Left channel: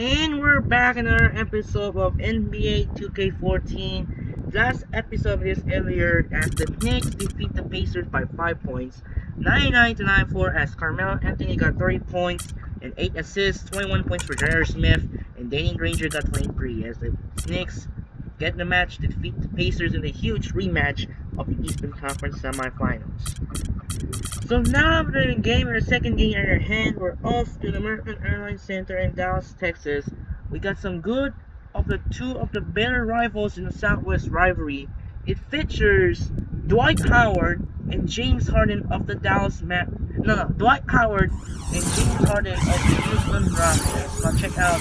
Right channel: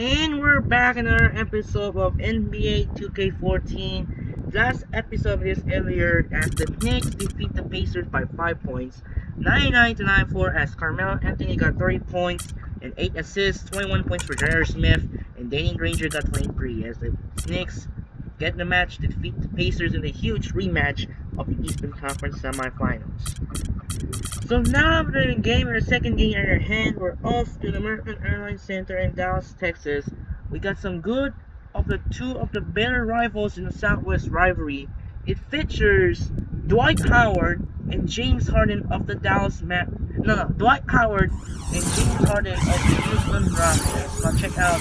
And we're back in another episode of NBA 2K14. Last episode of this earlier as the Knicks defeat the Pacers by 5 points, 99-94 as Carmelo Anthony got 30 points and 8 assists, 21 points for J.R. Smith, and Danny Granger got 23 as the Knicks get the match to defeat the Pacers in the huge rematch of the Eastern Conference semifinals. So now after the second game in our hand, we're off to the American Airlines Center in Dallas, Texas. We got some good of the two of the better rivals in the Southwest rivalry. It features Dwight Howard and James Harden of the Dwight Howard and James Harden of the Houston Rockets. Now check out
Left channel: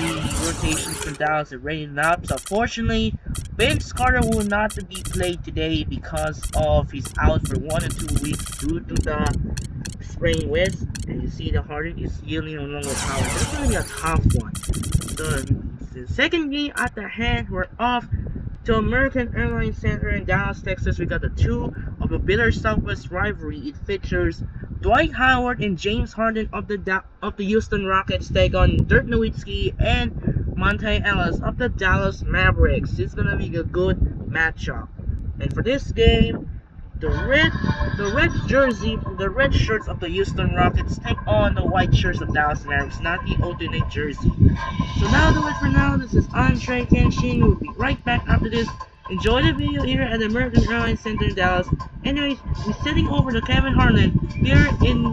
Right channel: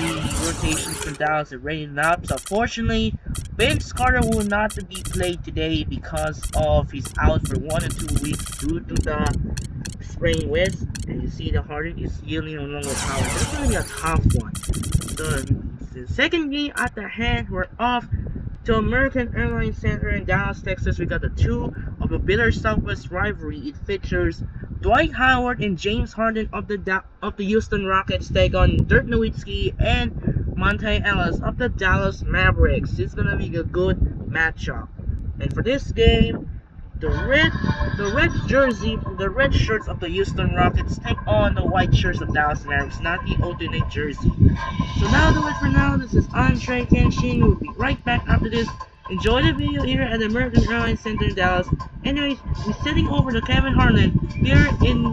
the rotations from Dallas and rating up. So fortunately, Vince Carter will not be played today because of he's out for 1 or 2 weeks due to the sprained wrist. And you see the Harden is yielding along with Howard. That's going to be a tough one. So the second game at the hand, we're off to American Airlines Center in Dallas, Texas. We got the two of a bitter Southwest rivalry. It features Dwight Howard and James Harden of the Houston Rockets take on Dirk Nowitzki and Monte Ellis of the Dallas Mavericks. It's gonna be a good matchup. And for this game, the red shirts of the Houston Rockets take on the white shirts of Dallas Mavericks, not the alternate jersey. So now do it for now. This is Andre Kenshin. We'll be right back after this. Enjoy the video here at the American Airlines Center in Dallas. Anyways, we're sitting over to Kevin Harlan here in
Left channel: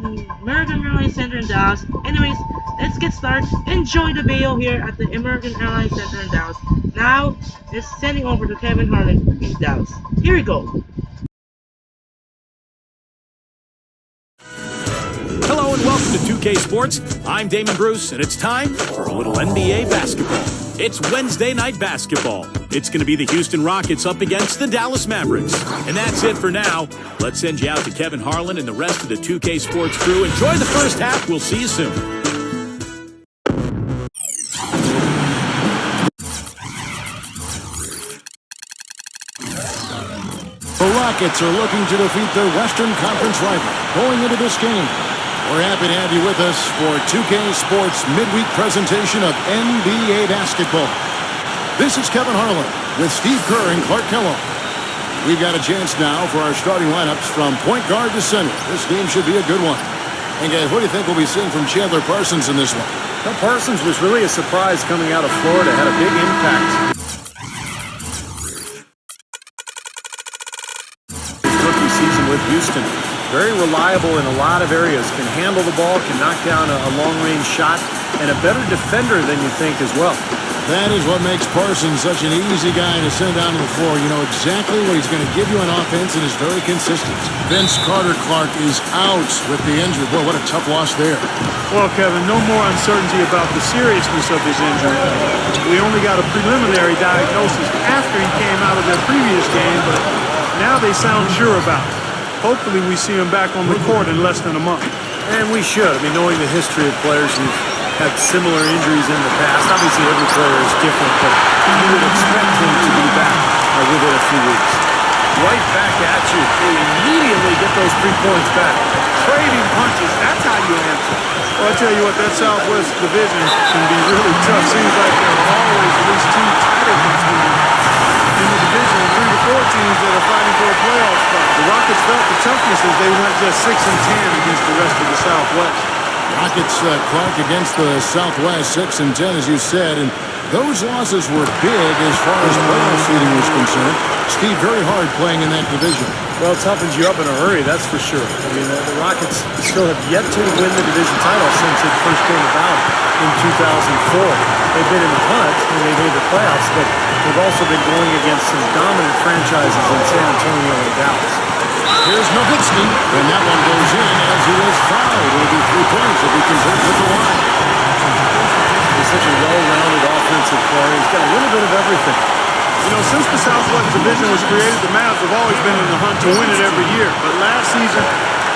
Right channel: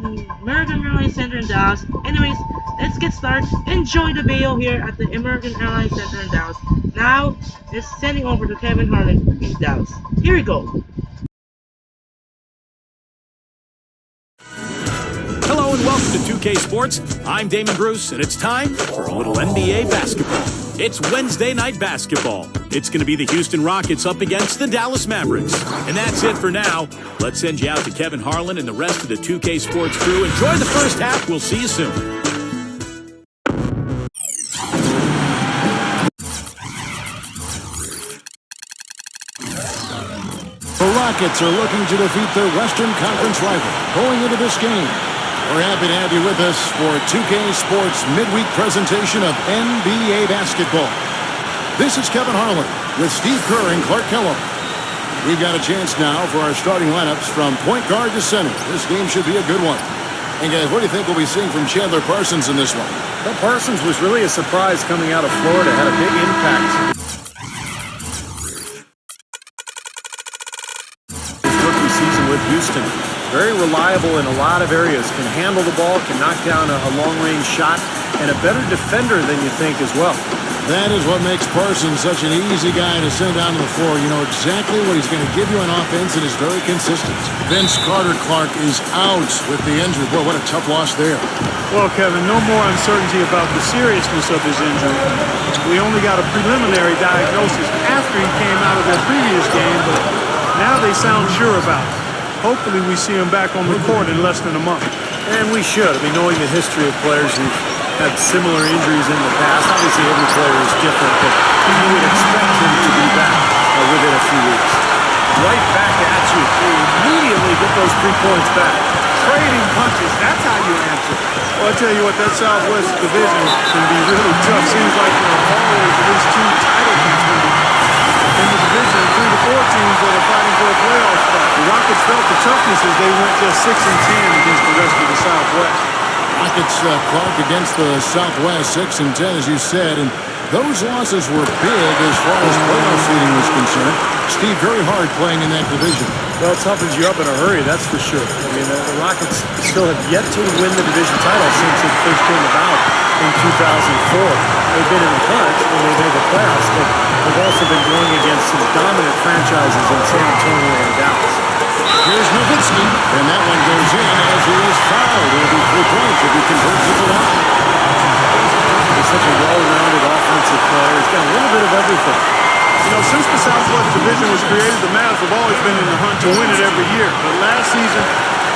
American Airlines Center in Dallas. Anyways, let's get started. Enjoy the video here at the American Airlines Center in Dallas. Now, it's sending over to Kevin Harlan in Dallas. Here we go. Hello and welcome to 2K Sports. I'm Damon Bruce, and it's time for a little NBA basketball. It's Wednesday night basketball. It's going to be the Houston Rockets up against the Dallas Mavericks. And that's it for now. Let's send you out to Kevin Harlan and the rest of the 2K Sports crew. Enjoy the first half. We'll see you soon. The Rockets are looking to defeat their Western Conference rival going into this game. We're happy to have you with us for 2K Sports midweek presentation of NBA basketball. This is Kevin Harlan with Steve Kerr and Clark Kellogg. We've got a chance now for our starting lineups from point guard to center. This game should be a good one. And guys, what do you think we'll be seeing from Chandler Parsons in this one? Well, Parsons was really a surprise coming out of Florida, had a big impact. His rookie season with Houston. Very reliable in a lot of areas, can handle the ball, can knock down a long-range shot, and a better defender than you think as well. That is what makes Parsons such an easy guy to send down to the floor. You know exactly what he's going to give you on offense and is very consistent. Vince Carter Clark is out with the injury. Boy, what a tough loss there. Well, Kevin, no more uncertainty about the seriousness of his injury. We only got a preliminary diagnosis after he came out of their previous game, but now they sound sure about it. Hopefully we see him back on the court in less than a month. And we should. I mean, knowing the history of players who've had similar injuries in the past, obviously every player is different, but you would expect him to be back within a few weeks. Right back at you. They immediately get those 3 points back. Trading punches, that's how you answer. Well, I tell you what, that Southwest division can be really tough. Seems like there are always at least 2 title contenders in the division, and 3 to 4 teams that are fighting for a playoff spot. The Rockets felt the toughness as they went just 6-10 against the rest of the Southwest. Rockets, Clark, against the Southwest, 6-10, as you said, and those losses were big as far as playoff seeding was concerned. Steve, very hard playing in that division. Well, it toughens you up in a hurry, that's for sure. I mean, the Rockets still have yet to win the division title since it first came about in 2004. They've been in the hunt, and they made the playoffs, but they've also been going against some dominant franchises in San Antonio and Dallas. Here's Nowitzki, and that one goes in as he is fouled. It'll be 3 points if he converts at the line. He's such a well-rounded offensive player. He's got a little bit of everything. You know, since the Southwest Division was created, the Mavs have always been in the hunt to win it every year. But last season,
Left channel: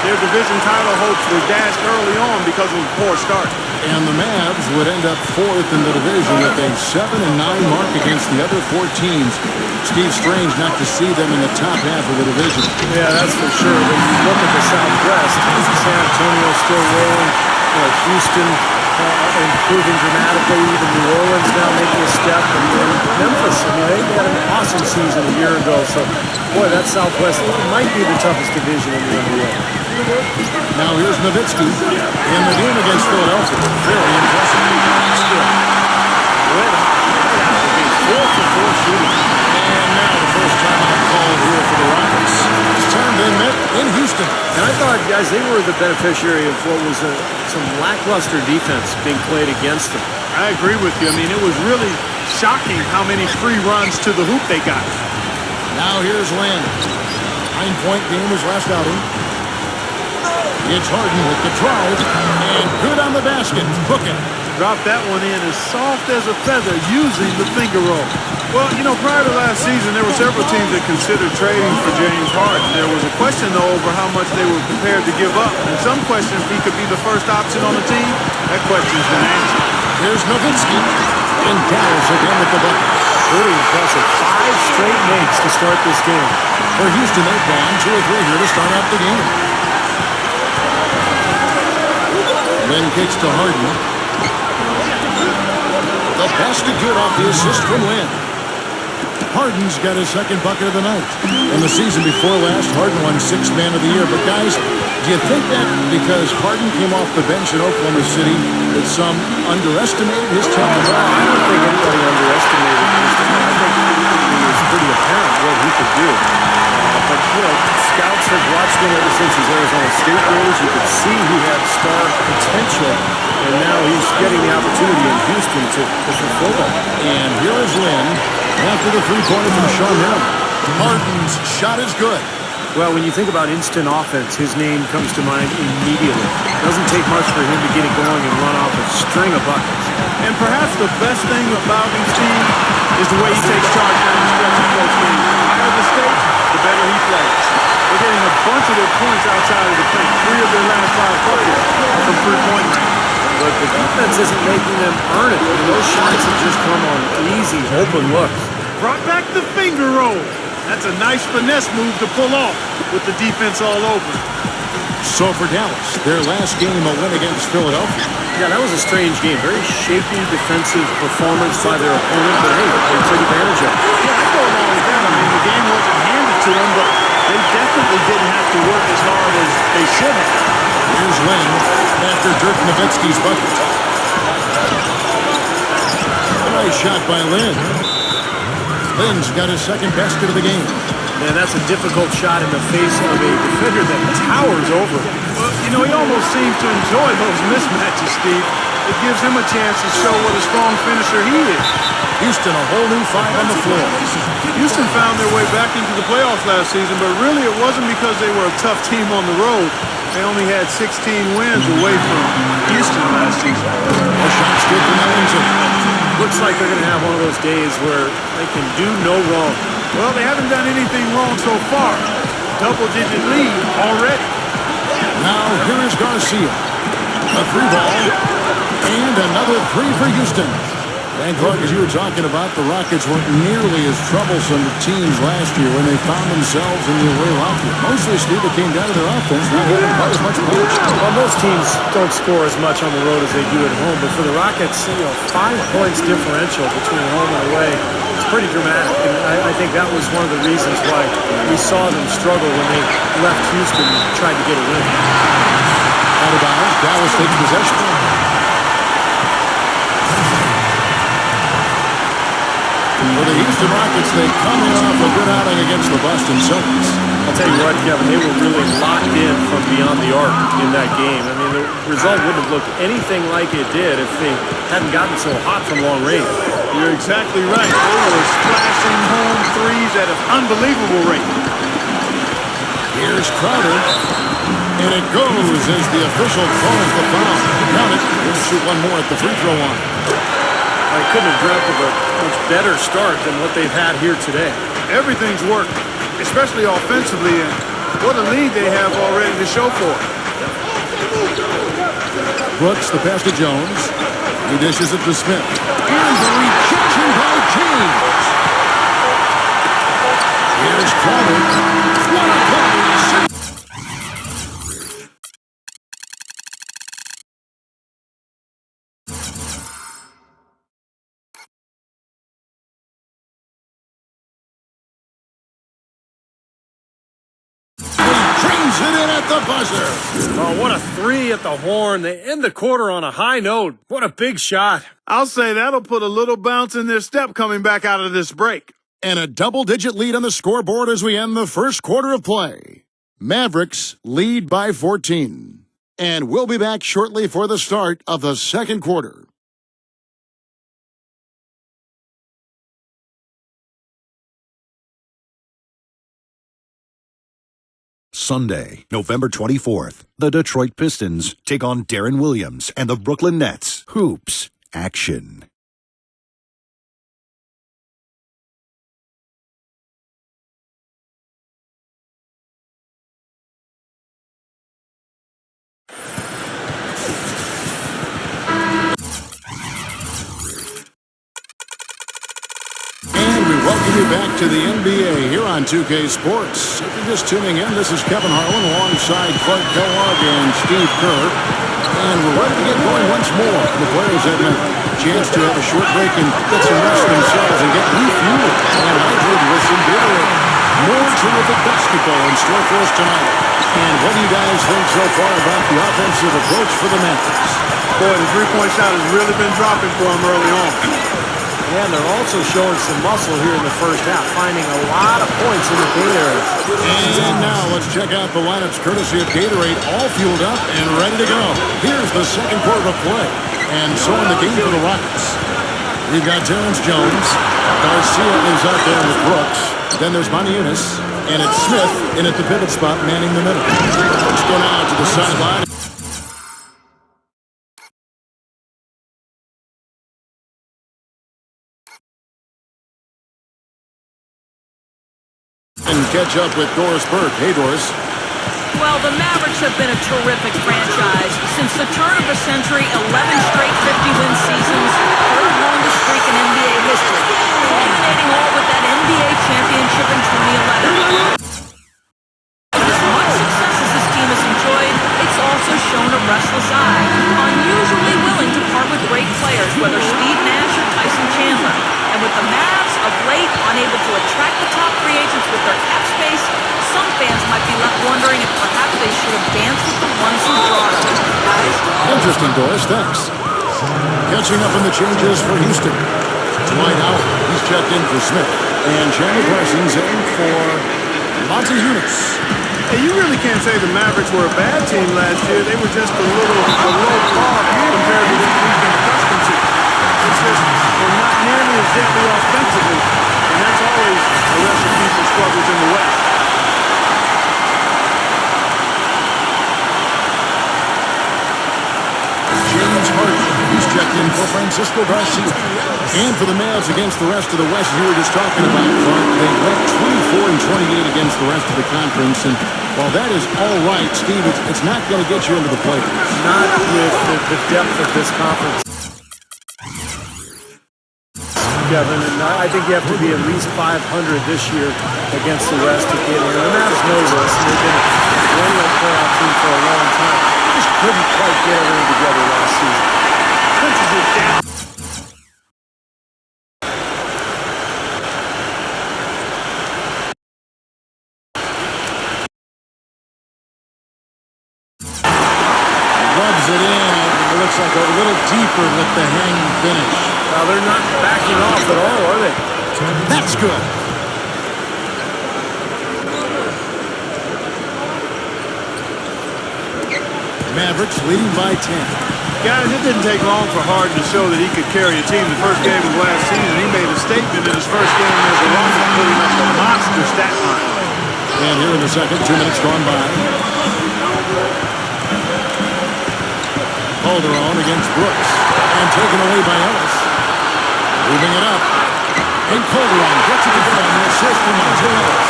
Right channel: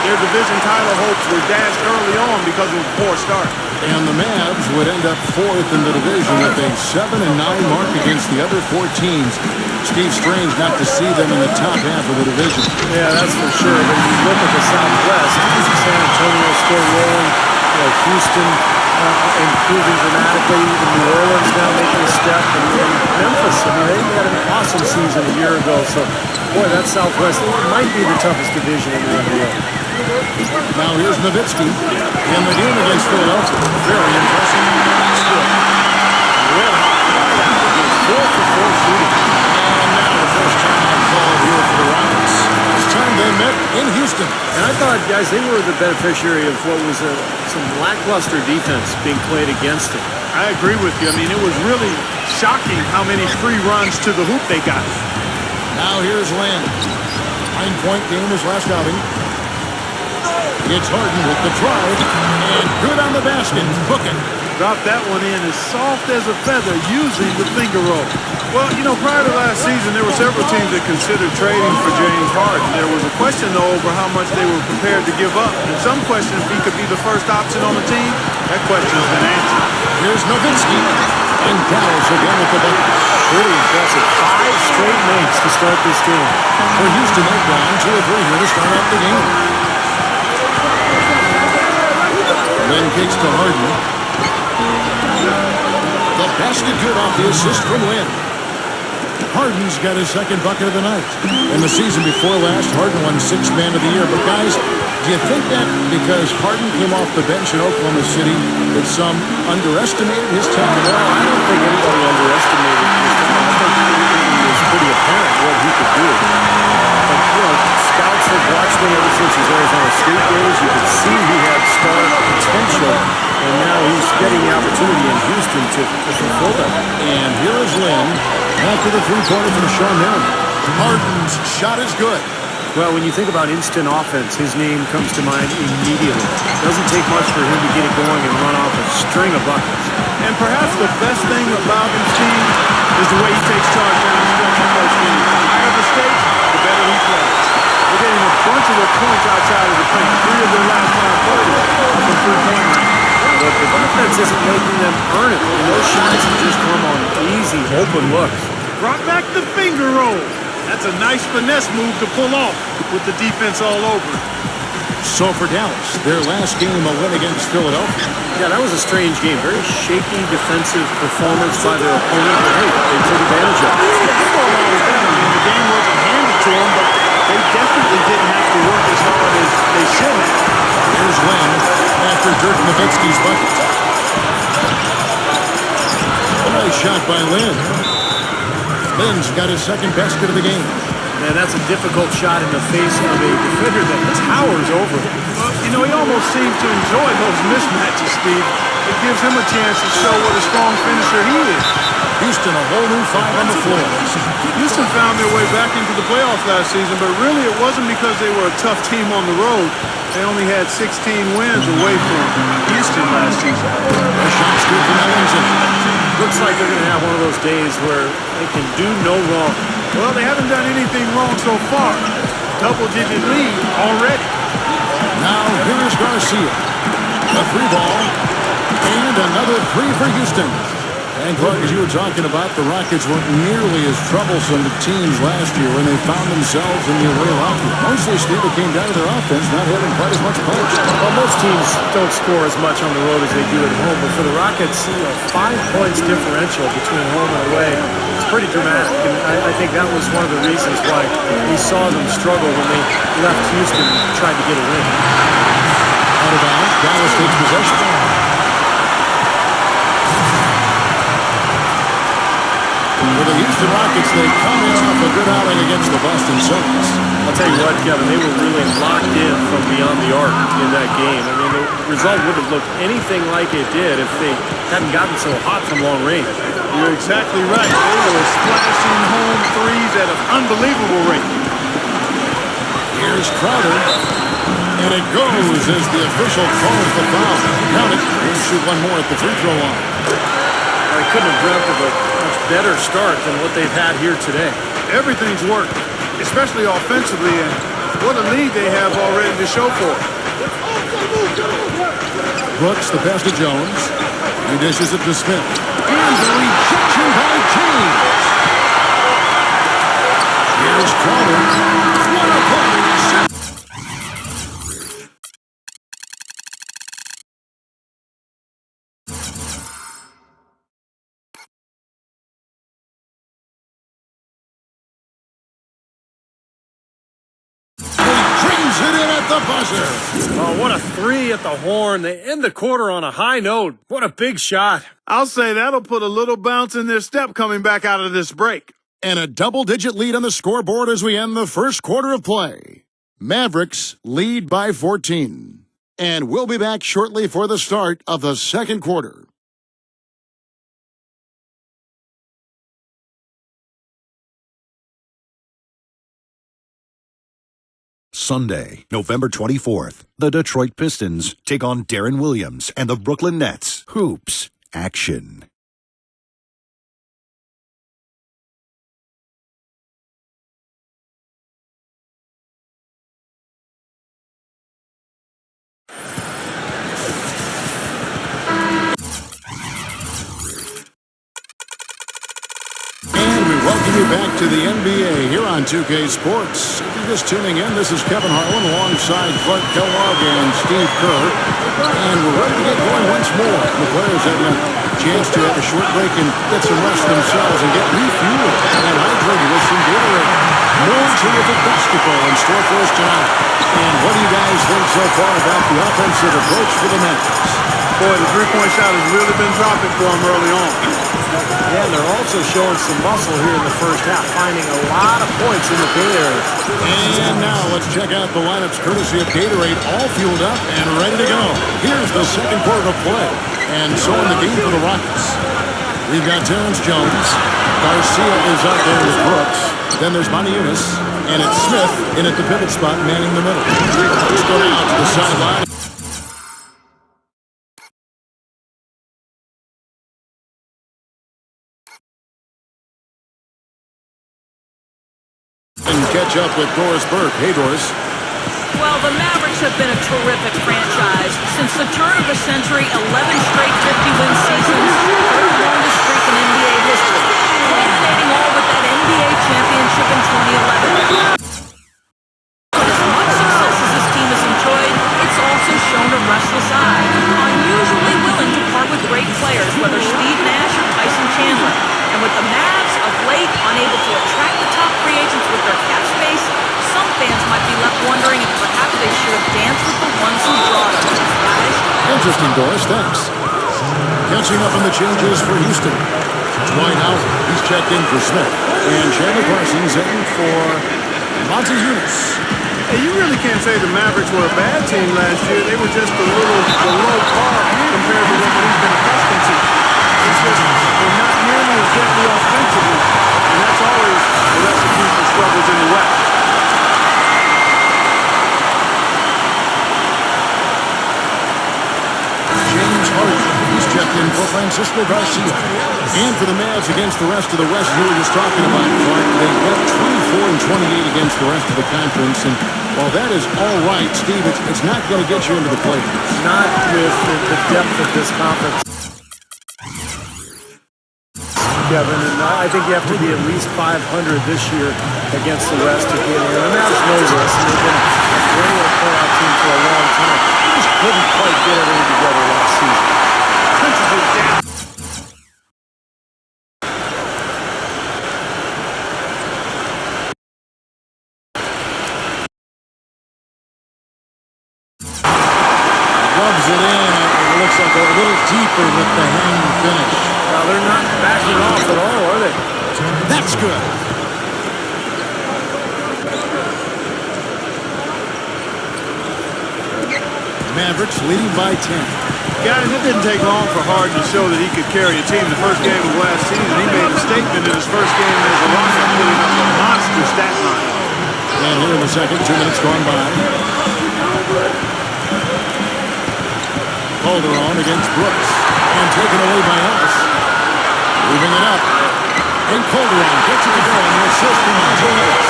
their division title hopes were dashed early on because of a poor start. And the Mavs would end up 4th in the division with a 7-9 mark against the other 4 teams. Steve, strange not to see them in the top half of the division. Yeah, that's for sure. But you look at the Southwest, San Antonio still rolling. You know, Houston, improving dramatically. Even New Orleans now making a step, and Memphis. I mean, they had an awesome season a year ago. So, boy, that Southwest might be the toughest division in the NBA. Now here's Nowitzki in the game against Philadelphia. Very impressive. Still red hot right out the gate. 4 for 4 shooting. And now the first timeout called here for the Rockets. This time they met in Houston. And I thought, guys, they were the beneficiary of what was some lackluster defense being played against them. I agree with you. I mean, it was really shocking how many free runs to the hoop they got. Now here's Lynn. 9-point game his last outing. It's Harden with the drive, and good on the basket. Booking. Dropped that one in as soft as a feather using the finger roll. Well, you know, prior to last season, there were several teams that considered trading for James Harden. There was a question, though, over how much they were prepared to give up. And some question if he could be the first option on the team. That question's been answered. Here's Nowitzki, and Dallas again with the bucket. Pretty impressive. 5 straight makes to start this game. For Houston, they've gone 2 of 3 here to start out the game. Then kicks to Harden. The basket good off the assist from Lynn. Harden's got his second bucket of the night. In the season before last, Harden won 6th Man of the Year. But guys, do you think that because Harden came off the bench in Oklahoma City that some underestimated his talent? Well, I don't think anybody underestimated his talent. I think it was pretty apparent what he could do. But, you know, scouts have watched him ever since his Arizona State days. You could see he had star potential, and now he's getting the opportunity in Houston to fulfill that. And here is Lynn after the three-pointer from Sean Merriman. Harden's shot is good. Well, when you think about instant offense, his name comes to mind immediately. Doesn't take much for him to get it going and run off a string of buckets. And perhaps the best thing about him, Steve, is the way he takes charge down the stretch in close games. The higher the stakes, the better he plays. They're getting a bunch of their points outside of the paint. 3 of their last 5 buckets are from three-point range. But the defense isn't making them earn it. I mean, those shots have just come on easy, open looks. Brought back the finger roll. That's a nice finesse move to pull off with the defense all over it. So for Dallas, their last game a win against Philadelphia. Yeah, that was a strange game. Very shaky defensive performance by their opponent, but hey, they took advantage of it. Yeah, I go along with that. I mean, the game wasn't handed to them, but they definitely didn't have to work as hard as they should have. Here's Lynn after Dirk Nowitzki's bucket. A nice shot by Lynn. Lynn's got his second basket of the game. Man, that's a difficult shot in the face of a defender that towers over him. Well, you know, he almost seems to enjoy those mismatches, Steve. It gives him a chance to show what a strong finisher he is. Houston, a whole new 5 on the floor. Houston found their way back into the playoffs last season, but really it wasn't because they were a tough team on the road. They only had 16 wins away from Houston last season. A shot's good from Ellington. Looks like they're going to have one of those days where they can do no wrong. Well, they haven't done anything wrong so far. Double-digit lead already. Now, here is Garcia. A 3-ball. And another 3 for Houston. And Clark, as you were talking about, the Rockets weren't nearly as troublesome to teams last year when they found themselves in the away locker. Mostly, Steve, it came down to their offense not having quite as much punch. Well, most teams don't score as much on the road as they do at home, but for the Rockets, you know, 5 points differential between home and away, it's pretty dramatic. And I think that was one of the reasons why we saw them struggle when they left Houston and tried to get a win. Out of bounds, Dallas takes possession. For the Houston Rockets, they come in off a good outing against the Boston Celtics. I'll tell you what, Kevin, they were really locked in from beyond the arc in that game. I mean, the result wouldn't have looked anything like it did if they hadn't gotten so hot from long range. You're exactly right. They were splashing home threes at an unbelievable rate. Here's Crowder. And it goes as the official calls the foul. Count it. He'll shoot one more at the free throw line. I couldn't have dreamt of a much better start than what they've had here today. Everything's worked, especially offensively, and what a lead they have already to show for it. Brooks, the pass to Jones. He dishes it to Smith. And the rejection by James. Here's Crowder. What a play! at the buzzer. Oh, what a three at the horn. They end the quarter on a high note. What a big shot. I'll say that'll put a little bounce in their step coming back out of this break. And a double-digit lead on the scoreboard as we end the first quarter of play. Mavericks lead by 14. And we'll be back shortly for the start of the second quarter. Sunday, November 24th, the Detroit Pistons take on Deron Williams and the Brooklyn Nets. Hoops action. And we welcome you back to the NBA here on 2K Sports. If you're just tuning in, this is Kevin Harlan alongside Clark Kellogg and Steve Kerr. And we're ready to get going once more. The players having a chance to have a short break and get some rest themselves and get refueled and hydrated with some Gatorade. More terrific basketball in store for us tonight. And what do you guys think so far about the offensive approach for the Mavericks? Boy, the three-point shot has really been dropping for them early on. And they're also showing some muscle here in the first half, finding a lot of points in the paint area. And now let's check out the lineups courtesy of Gatorade, all fueled up and ready to go. Here's the second quarter of play. And so in the game for the Rockets, we've got Terrence Jones. Garcia is out there with Brooks. Then there's Monty Eunice. And it's Smith in at the pivot spot, manning the middle. Let's go now to the sideline. And catch up with Doris Burke. Hey, Doris. Well, the Mavericks have been a terrific franchise. Since the turn of the century, 11 straight 50-win seasons, third longest streak in NBA history, culminating all with that NBA championship in 2011. As much success as this team has enjoyed, it's also shown a restless eye, unusually willing to part with great players, whether Steve Nash or Tyson Chandler. And with the Mavs of late unable to attract the top free agents with their cap space, some fans might be left wondering if perhaps they should have danced with the ones who brought them. Guys? Interesting, Doris. Thanks. Catching up on the changes for Houston. Dwight Howard. He's checked in for Smith. And Chandler Parsons in for Monty Eunice. Hey, you really can't say the Mavericks were a bad team last year. They were just a little below par compared to what we've been accustomed to. It's just we're not nearly as deadly offensively, and that's always a recipe for struggles in the West. James Harden. He's checked in for Francisco Garcia. And for the Mavs against the rest of the West, you were just talking about, Clark, they went 24 and 28 against the rest of the conference. And while that is all right, Steve, it's not going to get you into the playoffs. Not with the depth of this conference, Kevin, and I think you have to be at least 500 this year against the West to get in. The Mavs know this, and they've been a perennial playoff team for a long time. They just couldn't quite get everything together last season. Punches it down. Rubs it in. It looks like a little deeper with the hanging finish. Well, they're not backing off at all, are they? That's good. Mavericks leading by 10. Guys, it didn't take long for Harden to show that he could carry a team. The first game of last season, he made a statement in his first game as a Rocket, putting up a monster stat line. And here in the second, 2 minutes gone by. Calderon against Brooks. And taken away by Ellis. Moving it up. And Calderon gets it to go on the assist from Monte Ellis.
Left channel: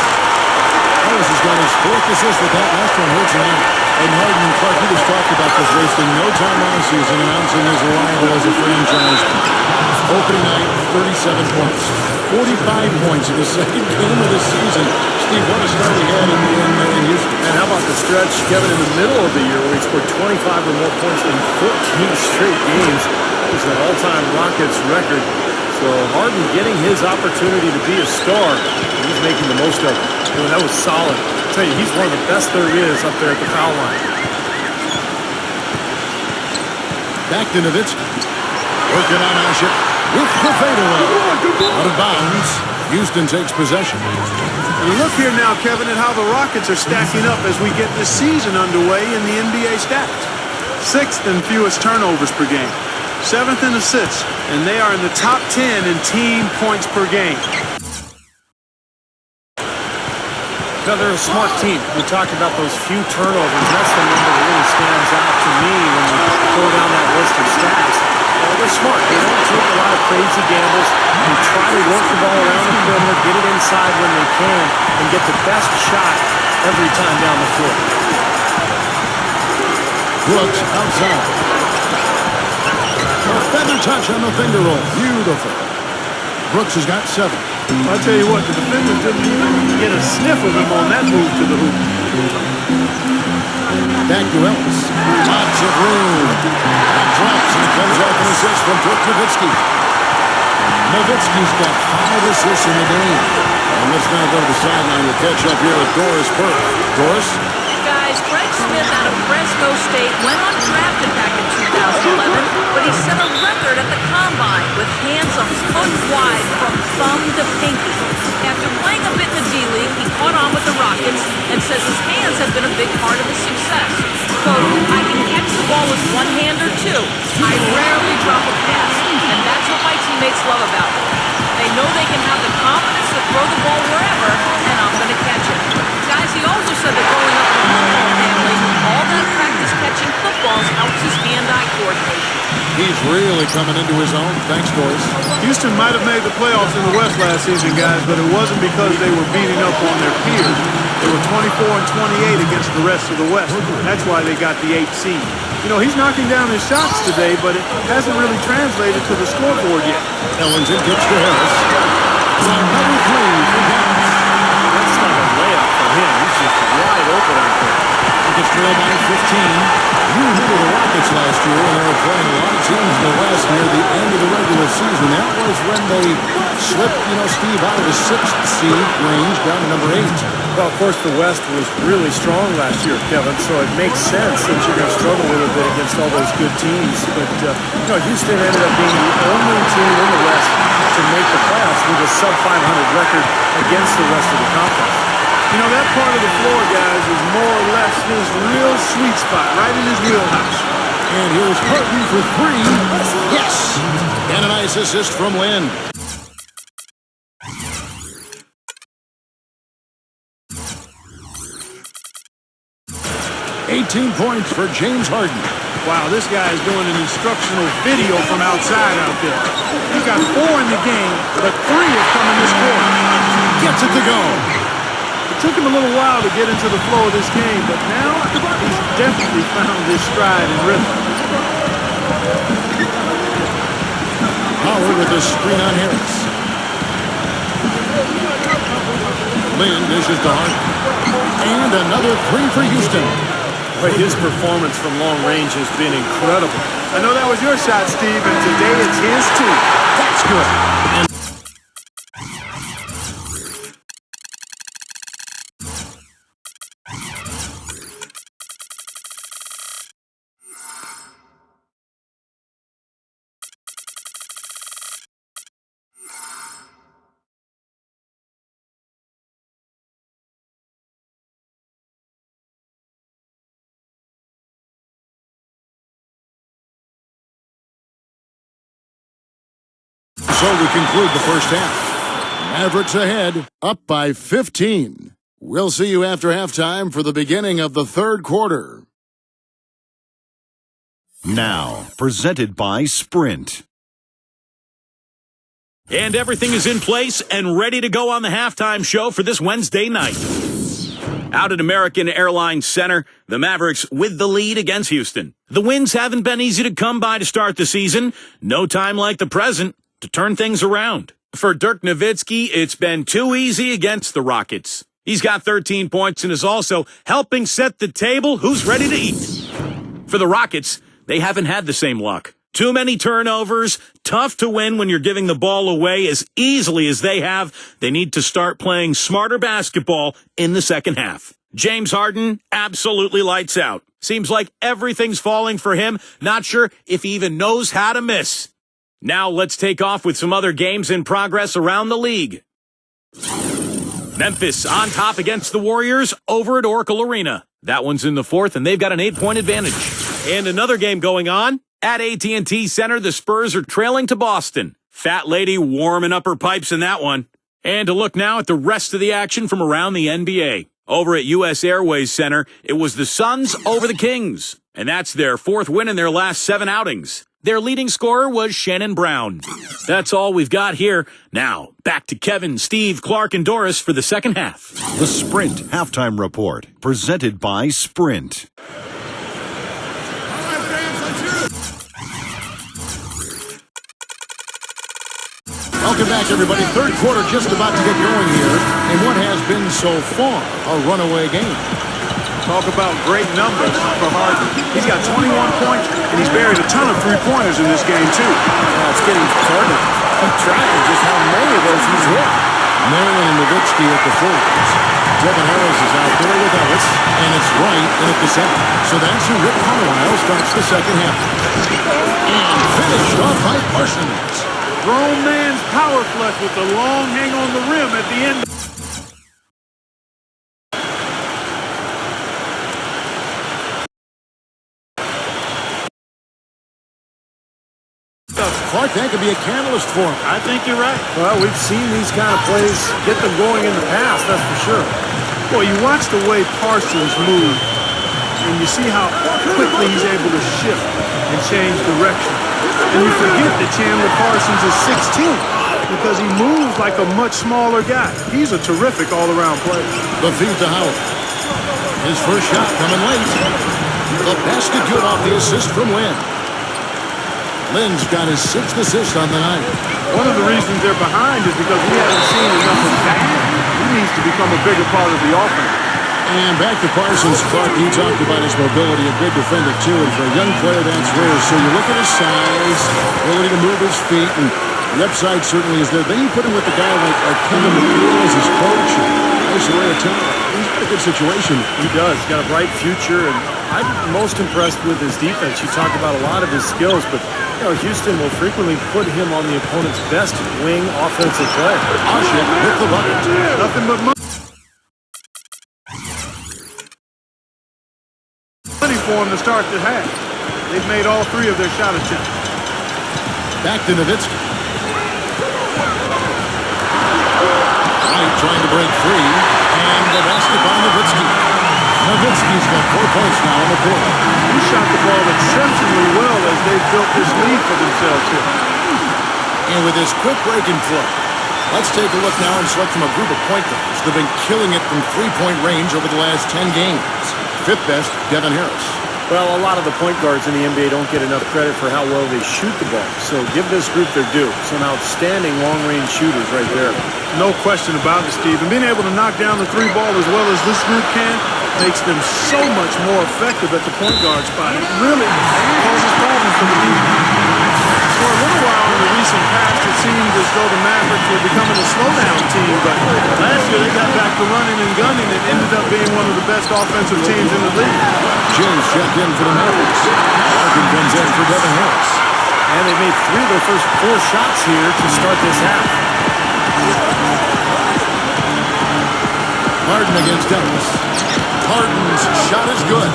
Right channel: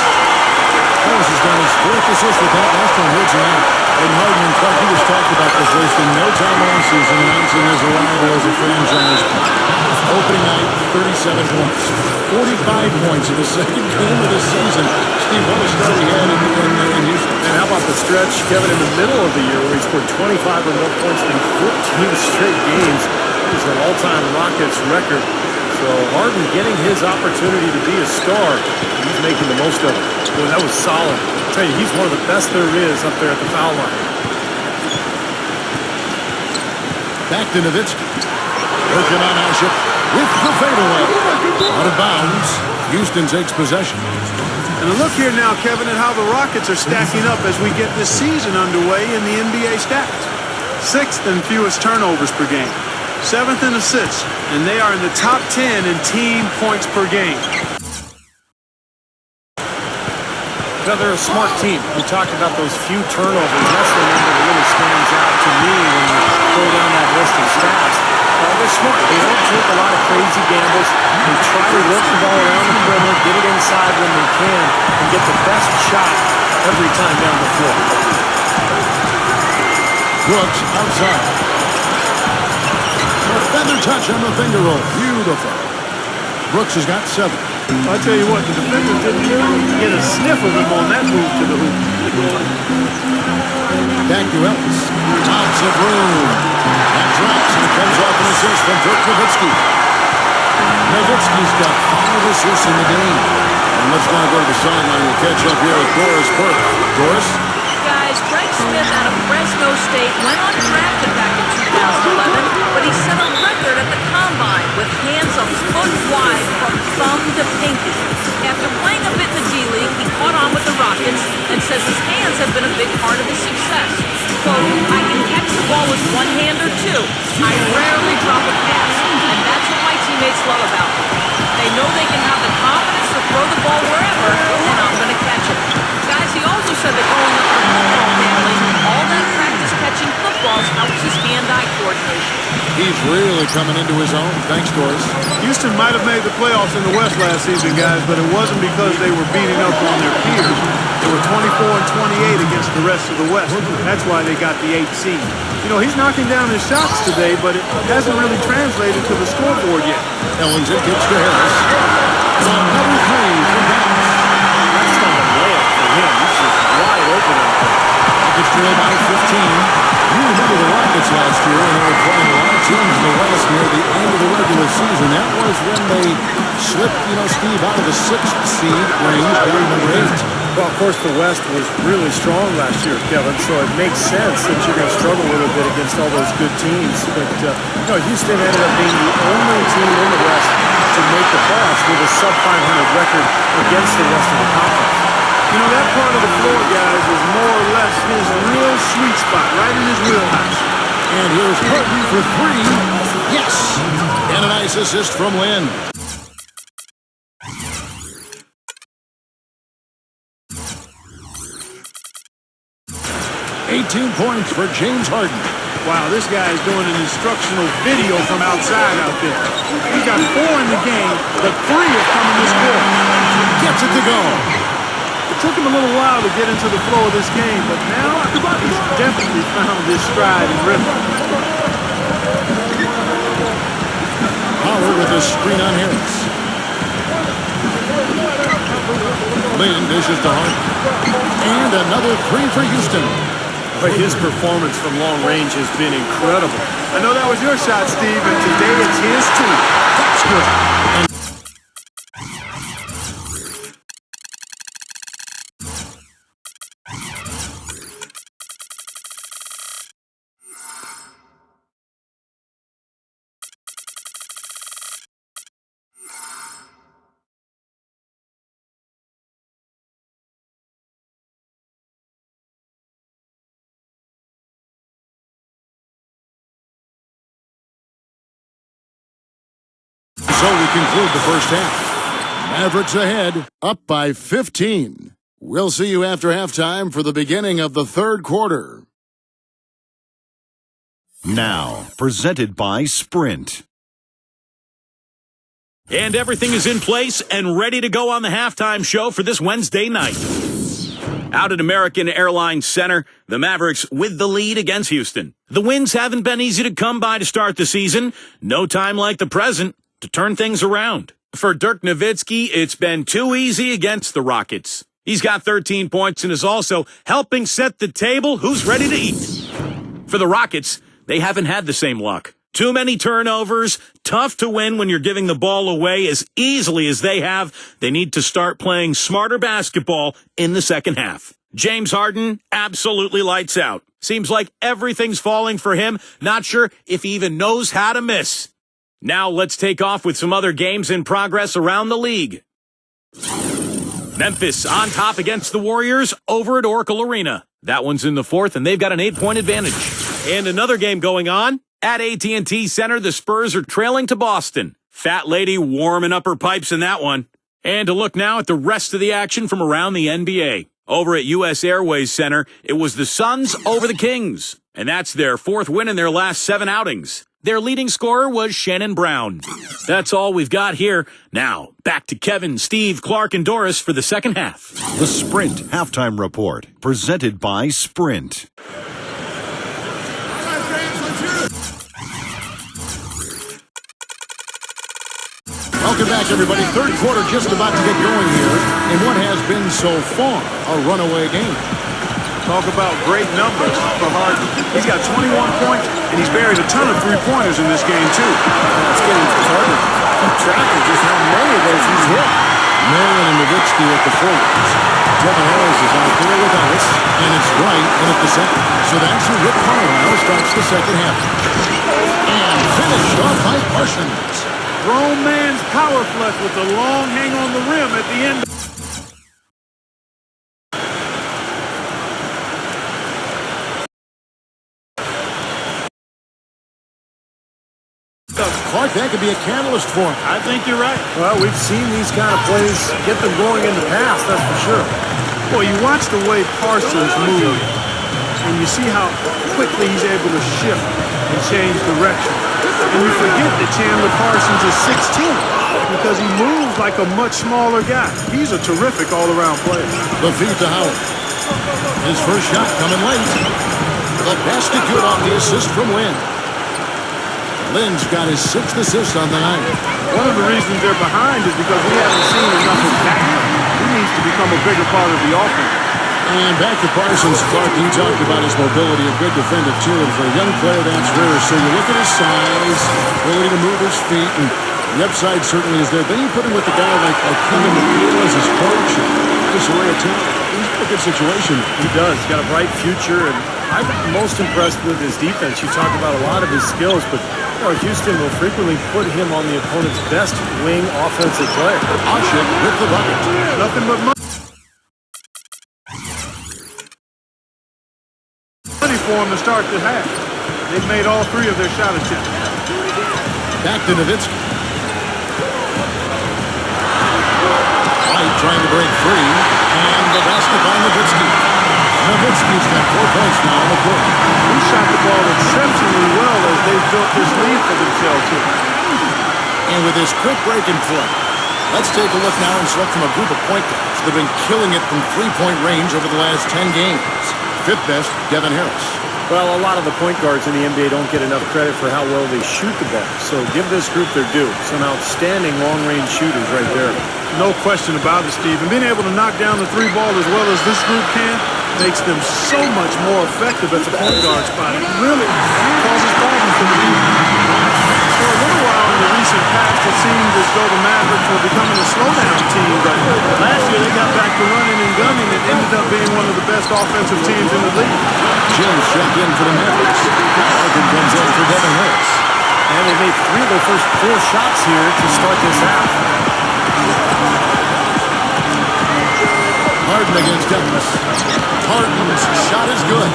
Ellis has got his fourth assist with that last one here tonight. And Harden and Clark, he just talked about this, wasting no time last season announcing his arrival as a franchise. Opening night, 37 points. 45 points in the second game of the season. Steve, what a start he had in Houston. And how about the stretch, Kevin, in the middle of the year where he scored 25 or more points in 14 straight games. It was an all-time Rockets record. So Harden getting his opportunity to be a star. He's making the most of it. Boy, that was solid. tell you, he's one of the best there is up there at the foul line. Back to Nowitzki. Working on Aship with the fadeaway. Out of bounds. Houston takes possession. And look here now, Kevin, at how the Rockets are stacking up as we get this season underway in the NBA stats. 6th in fewest turnovers per game. 7th in assists. And they are in the top 10 in team points per game. Now, they're a smart team. We talked about those few turnovers. That's the number that really stands out to me when you go down that list of stats. They're smart. They don't take a lot of crazy gambles. They try to work the ball around the perimeter, get it inside when they can, and get the best shot every time down the floor. Brooks outside. A feather touch on the finger roll. Beautiful. Brooks has got 7. I tell you what, the defenders didn't even get a sniff of him on that move to the hoop. Back to Ellis. Lots of room. That drops, and it comes off an assist from Dirk Nowitzki. Nowitzki's got 5 assists in the game. And let's now go to the sideline. We'll catch up here with Doris Burke. Doris? Guys, Greg Smith out of Fresno State went undrafted back in 2011, but he set a record at the Combine with hands a foot wide from thumb to pinky. After playing a bit in the D-League, he caught on with the Rockets and says his hands have been a big part of his success. Quote, I can catch the ball with one hand or two. I rarely drop a pass, and that's what my teammates love about me. They know they can have the confidence to throw the ball wherever, and I'm going to catch it. Guys, he also said that growing up in a football family, all that practice catching footballs helps his hand-eye coordination. He's really coming into his own. Thanks, Doris. Houston might have made the playoffs in the West last season, guys, but it wasn't because they were beating up on their peers. They were 24-28 against the rest of the West. That's why they got the 8th seed. You know, he's knocking down his shots today, but it hasn't really translated to the scoreboard yet. Ellington gets to Harris. Another 3 for Dallas. That's like a layup for him. He's just wide open out there. Rockets trail by 15. You remember the Rockets last year when they were playing a lot of teams in the West near the end of the regular season. That was when they slipped, Steve, out of the 6th seed range down to number 8. Well, of course, the West was really strong last year, Kevin, so it makes sense that you're going to struggle a little bit against all those good teams. But, Houston ended up being the only team in the West to make the playoffs with a sub-500 record against the rest of the conference. You know, that part of the floor, guys, is more or less his real sweet spot, right in his wheelhouse. And here's Harden for 3. Yes! And a nice assist from Lynn. $18 points for James Harden. Wow, this guy is doing an instructional video from outside out there. He's got 4 in the game, but 3 have come in this quarter. Gets it to go. It took him a little while to get into the flow of this game, but now he's definitely found his stride and rhythm. Howard with a screen on Harris. Lynn dishes to Harden. And another 3 for Houston. Boy, his performance from long range has been incredible. I know that was your shot, Steve, and today it's his too. That's good. And so we conclude the first half. Mavericks ahead, up by 15. We'll see you after halftime for the beginning of the third quarter. Now, presented by Sprint. And everything is in place and ready to go on the halftime show for this Wednesday night. Out at American Airlines Center, the Mavericks with the lead against Houston. The wins haven't been easy to come by to start the season. No time like the present to turn things around. For Dirk Nowitzki, it's been too easy against the Rockets. He's got 13 points and is also helping set the table. Who's ready to eat? For the Rockets, they haven't had the same luck. Too many turnovers, tough to win when you're giving the ball away as easily as they have. They need to start playing smarter basketball in the second half. James Harden absolutely lights out. Seems like everything's falling for him. Not sure if he even knows how to miss. Now let's take off with some other games in progress around the league. Memphis on top against the Warriors over at Oracle Arena. That one's in the fourth, and they've got an 8-point advantage. And another game going on. At AT&T Center, the Spurs are trailing to Boston. Fat lady warming up her pipes in that one. And to look now at the rest of the action from around the NBA. Over at U.S. Airways Center, it was the Suns over the Kings. And that's their fourth win in their last 7 outings. Their leading scorer was Shannon Brown. That's all we've got here. Now, back to Kevin, Steve, Clark, and Doris for the second half. The Sprint Halftime Report, presented by Sprint. All right, fans, let's hear it. Welcome back, everybody. Third quarter just about to get going here in what has been so far a runaway game. Talk about great numbers for Harden. He's got 21 points, and he's buried a ton of three-pointers in this game, too. It's getting hard to keep track of just how many of those he's hit. Marion and Nowitzki at the forwards. Devin Harris is out there with Ellis, and it's Wright in at the center. So that's who Rick Carlisle starts the second half. And finished off by Parsons. Grown man's power flush with the long hang on the rim at the end. Clark, that could be a catalyst for him. I think you're right. Well, we've seen these kind of plays get them going in the past, that's for sure. Boy, you watch the way Parsons moved, and you see how quickly he's able to shift and change direction. And you forget that Chandler Parsons is 6'10", because he moves like a much smaller guy. He's a terrific all-around player. The feed to Howard. His first shot coming late. The basket good off the assist from Lynn. Lynn's got his 6th assist on the night. One of the reasons they're behind is because we haven't seen enough of that. He needs to become a bigger part of the offense. And back to Parsons. Clark, he talked about his mobility, a good defender too, and for a young player that's rare. So you look at his size, ability to move his feet, and the upside certainly is there. Then you put him with a guy like Kevin McNeil as his coach. Nice array of talent. He's got a good situation. He does. He's got a bright future, and I'm most impressed with his defense. You talked about a lot of his skills, but Houston will frequently put him on the opponent's best wing offensive player. Ashik with the bucket. Nothing but money for him to start the half. They've made all 3 of their shot attempts. Back to Nowitzki. White trying to break free, and the basket by Nowitzki. Nowitzki's got 4 points now on the court. He shot the ball exceptionally well as they've built this lead for themselves here. And with his quick break and play, let's take a look now and select from a group of point guards that have been killing it from three-point range over the last 10 games. 5th best, Devin Harris. Well, a lot of the point guards in the NBA don't get enough credit for how well they shoot the ball. So give this group their due. Some outstanding long-range shooters right there. No question about it, Steve. And being able to knock down the 3-ball as well as this group can makes them so much more effective at the point guard spot. It really causes problems for the defense. For a little while in the recent past, it seemed as though the Mavericks were becoming a slowdown team, but last year they got back to running and gunning and ended up being one of the best offensive teams in the league. James checked in for the Mavericks. Larkin comes in for Devin Harris. And they made 3 of their first 4 shots here to start this half. Harden against Ellis. Harden's shot is good.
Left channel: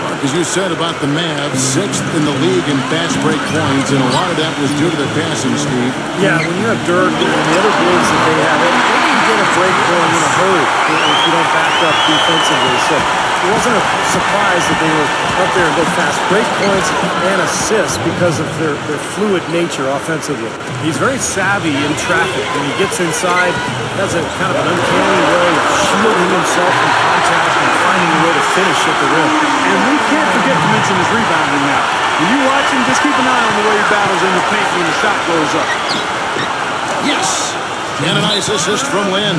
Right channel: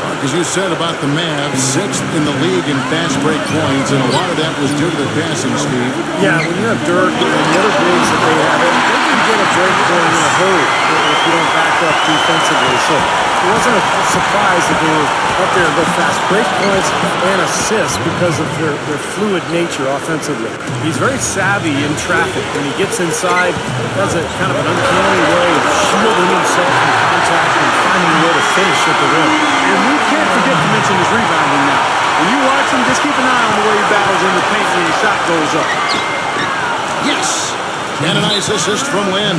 Mark, as you said about the Mavs, 6th in the league in fast break points, and a lot of that was due to their passing, Steve. Yeah, when you have Dirk and the other bigs that they have, they can get a break going in a hurry if you don't back up defensively. So it wasn't a surprise that they were up there and go fast break points and assists because of their fluid nature offensively. He's very savvy in traffic. When he gets inside, has a kind of an uncanny way of shielding himself from contact and finding a way to finish at the rim. And we can't forget to mention his rebounding now. When you watch him, just keep an eye on the way he battles in the paint when the shot goes up. Yes! And a nice assist from Lynn.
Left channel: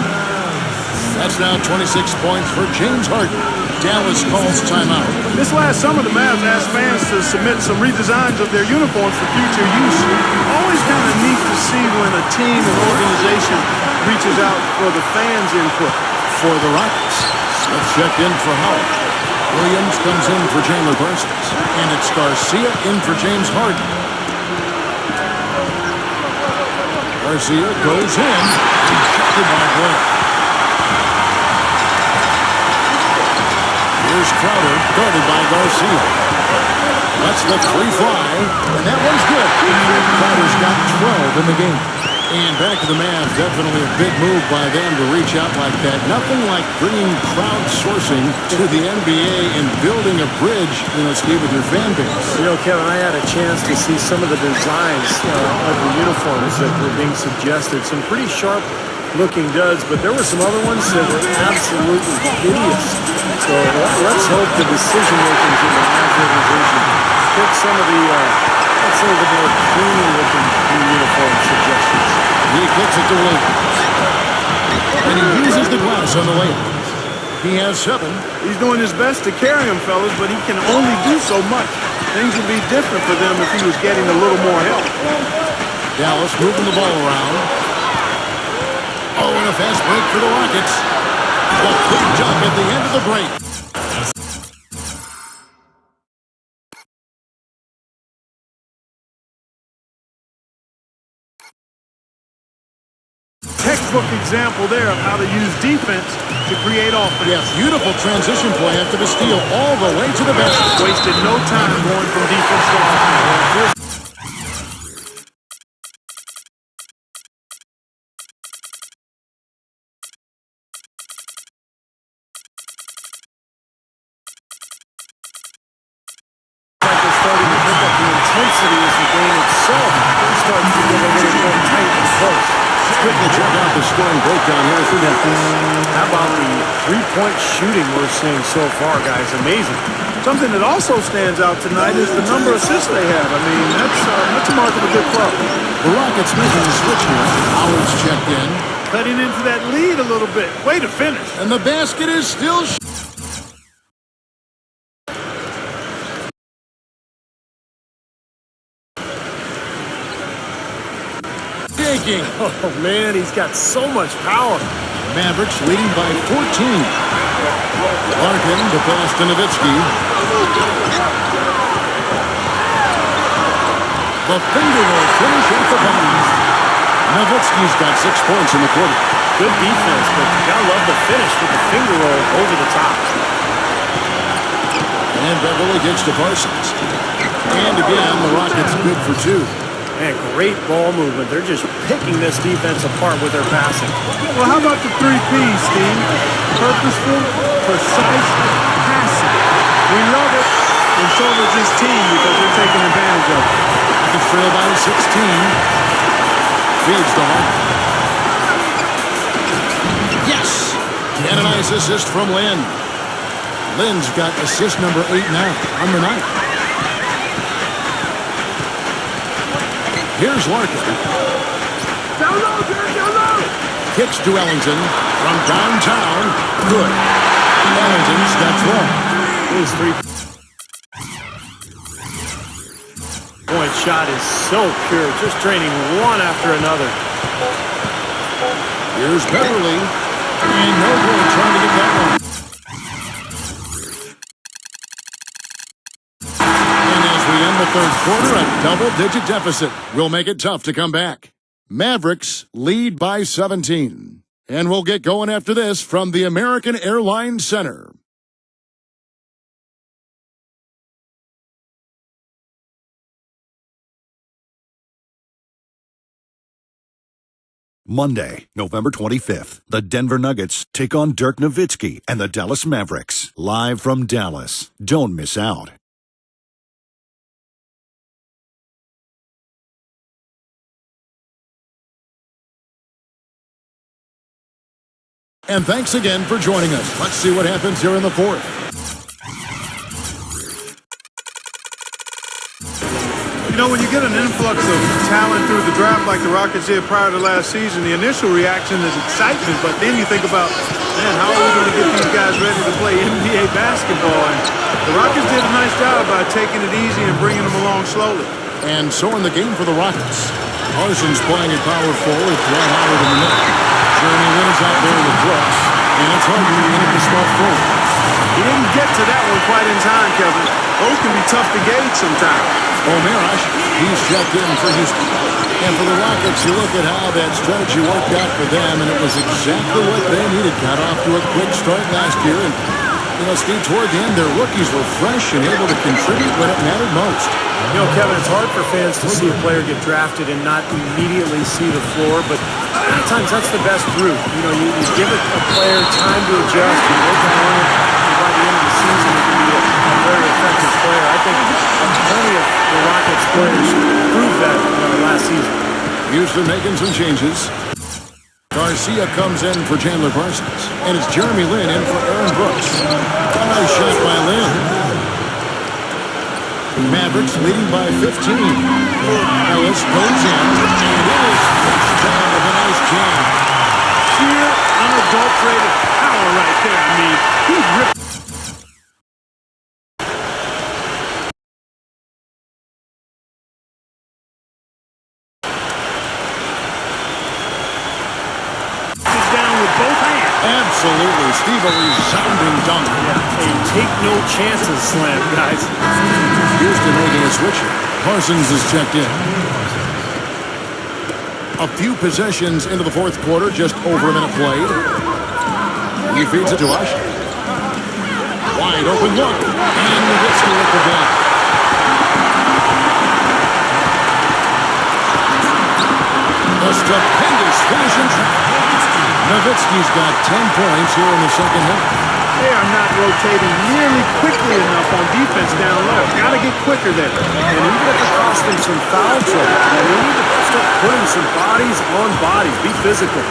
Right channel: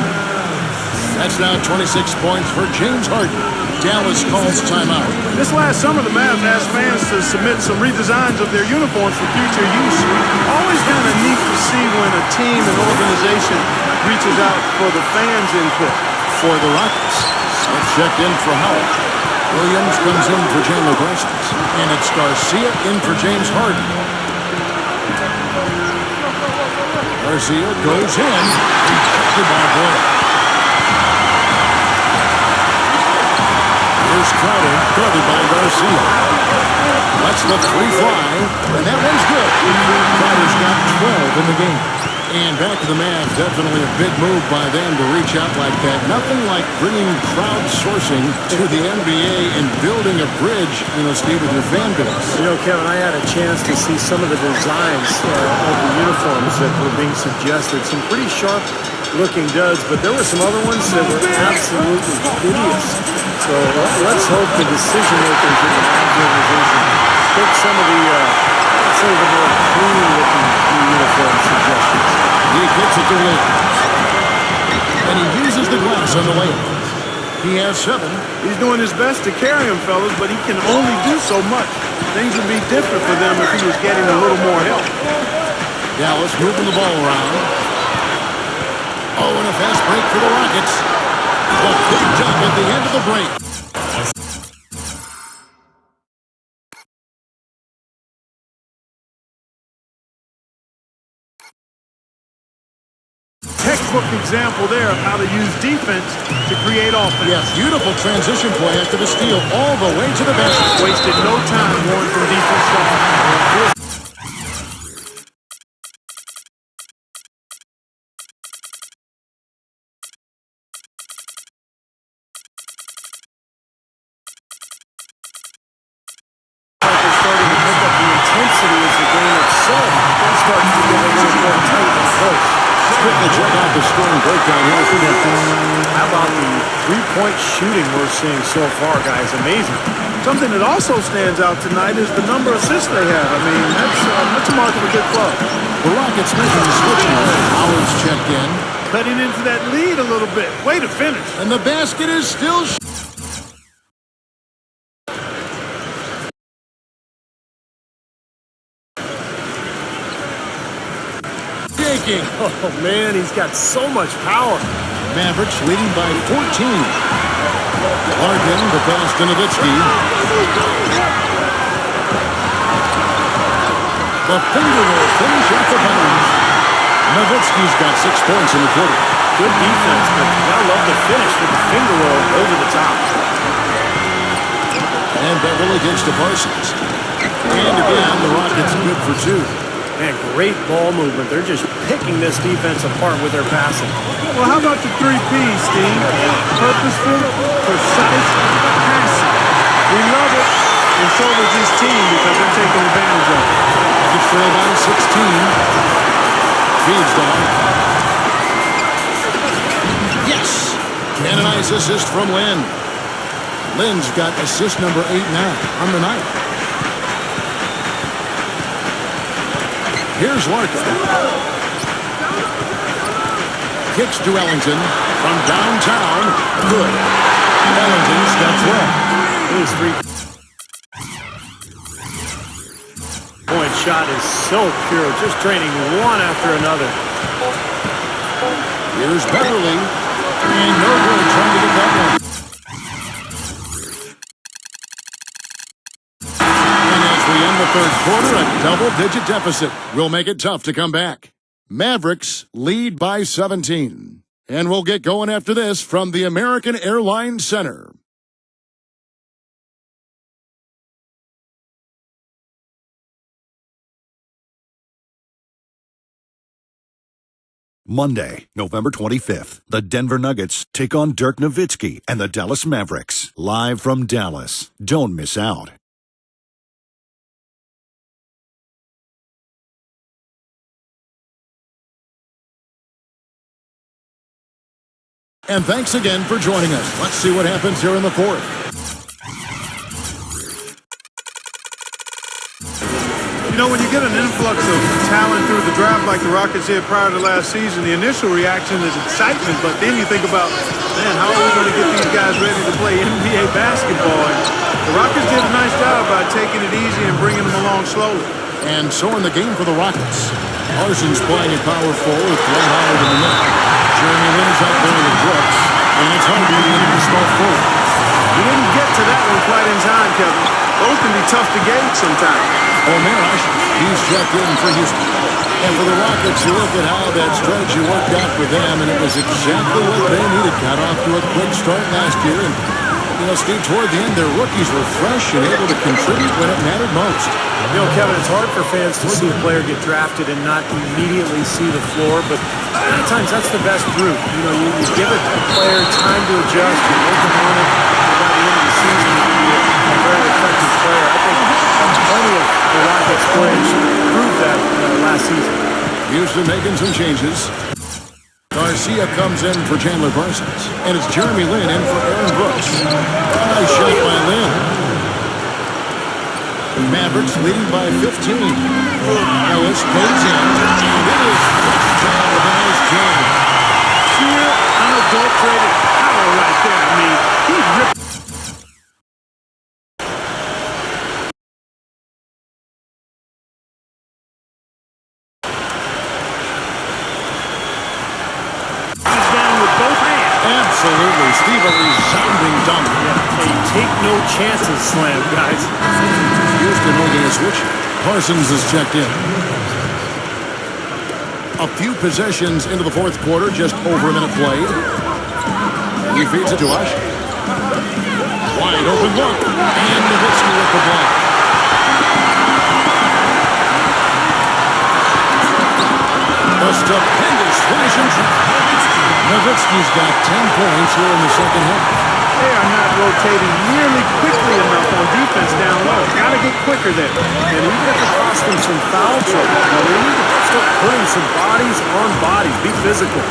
That's now 26 points for James Harden. Dallas calls timeout. This last summer, the Mavs asked fans to submit some redesigns of their uniforms for future use. Always kind of neat to see when a team and organization reaches out for the fans' input. For the Rockets, Smith checked in for Howard. Williams comes in for Chandler Parsons. And it's Garcia in for James Harden. Garcia goes in. Rejected by Boyle. Here's Crowder, guarded by Garcia. Lets the three fly, and that one's good. Crowder's got 12 in the game. And back to the Mavs, definitely a big move by them to reach out like that. Nothing like bringing crowdsourcing to the NBA and building a bridge, Steve, with your fan base. Kevin, I had a chance to see some of the designs of the uniforms that were being suggested. Some pretty sharp-looking duds, but there were some other ones that were absolutely hideous. So let's hope the decision-makers in the Mavs organization pick some of the more clean-looking new uniform suggestions. He kicks it to Williams. And he uses the glass on the layup. He has 7. He's doing his best to carry him, fellas, but he can only do so much. Things would be different for them if he was getting a little more help. Dallas moving the ball around. Oh, and a fast break for the Rockets. The big dunk at the end of the break. Textbook example there of how to use defense to create offense. Yeah, beautiful transition play after the steal all the way to the basket. Wasted no time going from defense to offense. Like they're starting to pick up the intensity as the game itself starts to get a little more tight and close. Quickly check out the scoring breakdown here for Dallas. How about the three-point shooting we're seeing so far, guys? Amazing. Something that also stands out tonight is the number of assists they have. I mean, that's a mark of a good club. The Rockets making the switch here. Howard's checked in. Cutting into that lead a little bit. Way to finish. And the basket is still shaking. Oh, man, he's got so much power. Mavericks leading by 14. Larkin, the pass to Nowitzki. The finger roll finish at the bounce. Nowitzki's got 6 points in the quarter. Good defense, but you gotta love the finish with the finger roll over the top. And Beverly gets to Parsons. And again, the Rockets good for 2. Man, great ball movement. They're just picking this defense apart with their passing. Well, how about the 3 P's, Steve? Purposeful, precise, passing. We love it, and so does this team because they're taking advantage of it. Rockets trail by 16. Feeds to Harden. Yes! And a nice assist from Lynn. Lynn's got assist number 8 now on the night. Here's Larkin. Kicks to Ellington from downtown. Good. Ellington's got 12. His 3-point shot is so pure, just draining one after another. Here's Beverly. And no good trying to get that one. And as we end the third quarter, a double-digit deficit will make it tough to come back. Mavericks lead by 17. And we'll get going after this from the American Airlines Center. Monday, November 25th, the Denver Nuggets take on Dirk Nowitzki and the Dallas Mavericks. Live from Dallas. Don't miss out. And thanks again for joining us. Let's see what happens here in the fourth. You know, when you get an influx of talent through the draft like the Rockets did prior to last season, the initial reaction is excitement, but then you think about, man, how are we going to get these guys ready to play NBA basketball? And the Rockets did a nice job by taking it easy and bringing them along slowly. And so in the game for the Rockets, Parsons playing at power forward with Dwight Howard in the middle. Jeremy Lin is out there with Brooks. And it's hard to get the small forward. He didn't get to that one quite in time, Kevin. Those can be tough to gauge sometimes. O'Marash, he's checked in for Houston. And for the Rockets, you look at how that strategy worked out for them, and it was exactly what they needed. Got off to a quick start last year, and, you know, Steve, toward the end, their rookies were fresh and able to contribute when it mattered most. You know, Kevin, it's hard for fans to see a player get drafted and not immediately see the floor, but many times that's the best route. You know, you give a player time to adjust, you work on it, and by the end of the season, you can be a very effective player. I think plenty of the Rockets players proved that last season. Houston making some changes. Garcia comes in for Chandler Parsons, and it's Jeremy Lin in for Aaron Brooks. Nice shot by Lin. Mavericks leading by 15. Ellis goes in, and it is flushed down with a nice jam. Sheer, unadulterated power right there. I mean, he ripped. Down with both hands. Absolutely. Steve, a resounding dunk. Yeah, a take-no-chances slam, guys. Houston making a switch. Parsons is checked in. A few possessions into the fourth quarter, just over a minute played. He feeds it to Ush. Wide open look. And Nowitzki with the block. A stupendous finish in traffic. Nowitzki's got 10 points here in the second half. They are not rotating nearly quickly enough on defense down low. Got to get quicker there. And even if it costs them some foul trouble, they need to start putting some bodies on bodies. Be physical.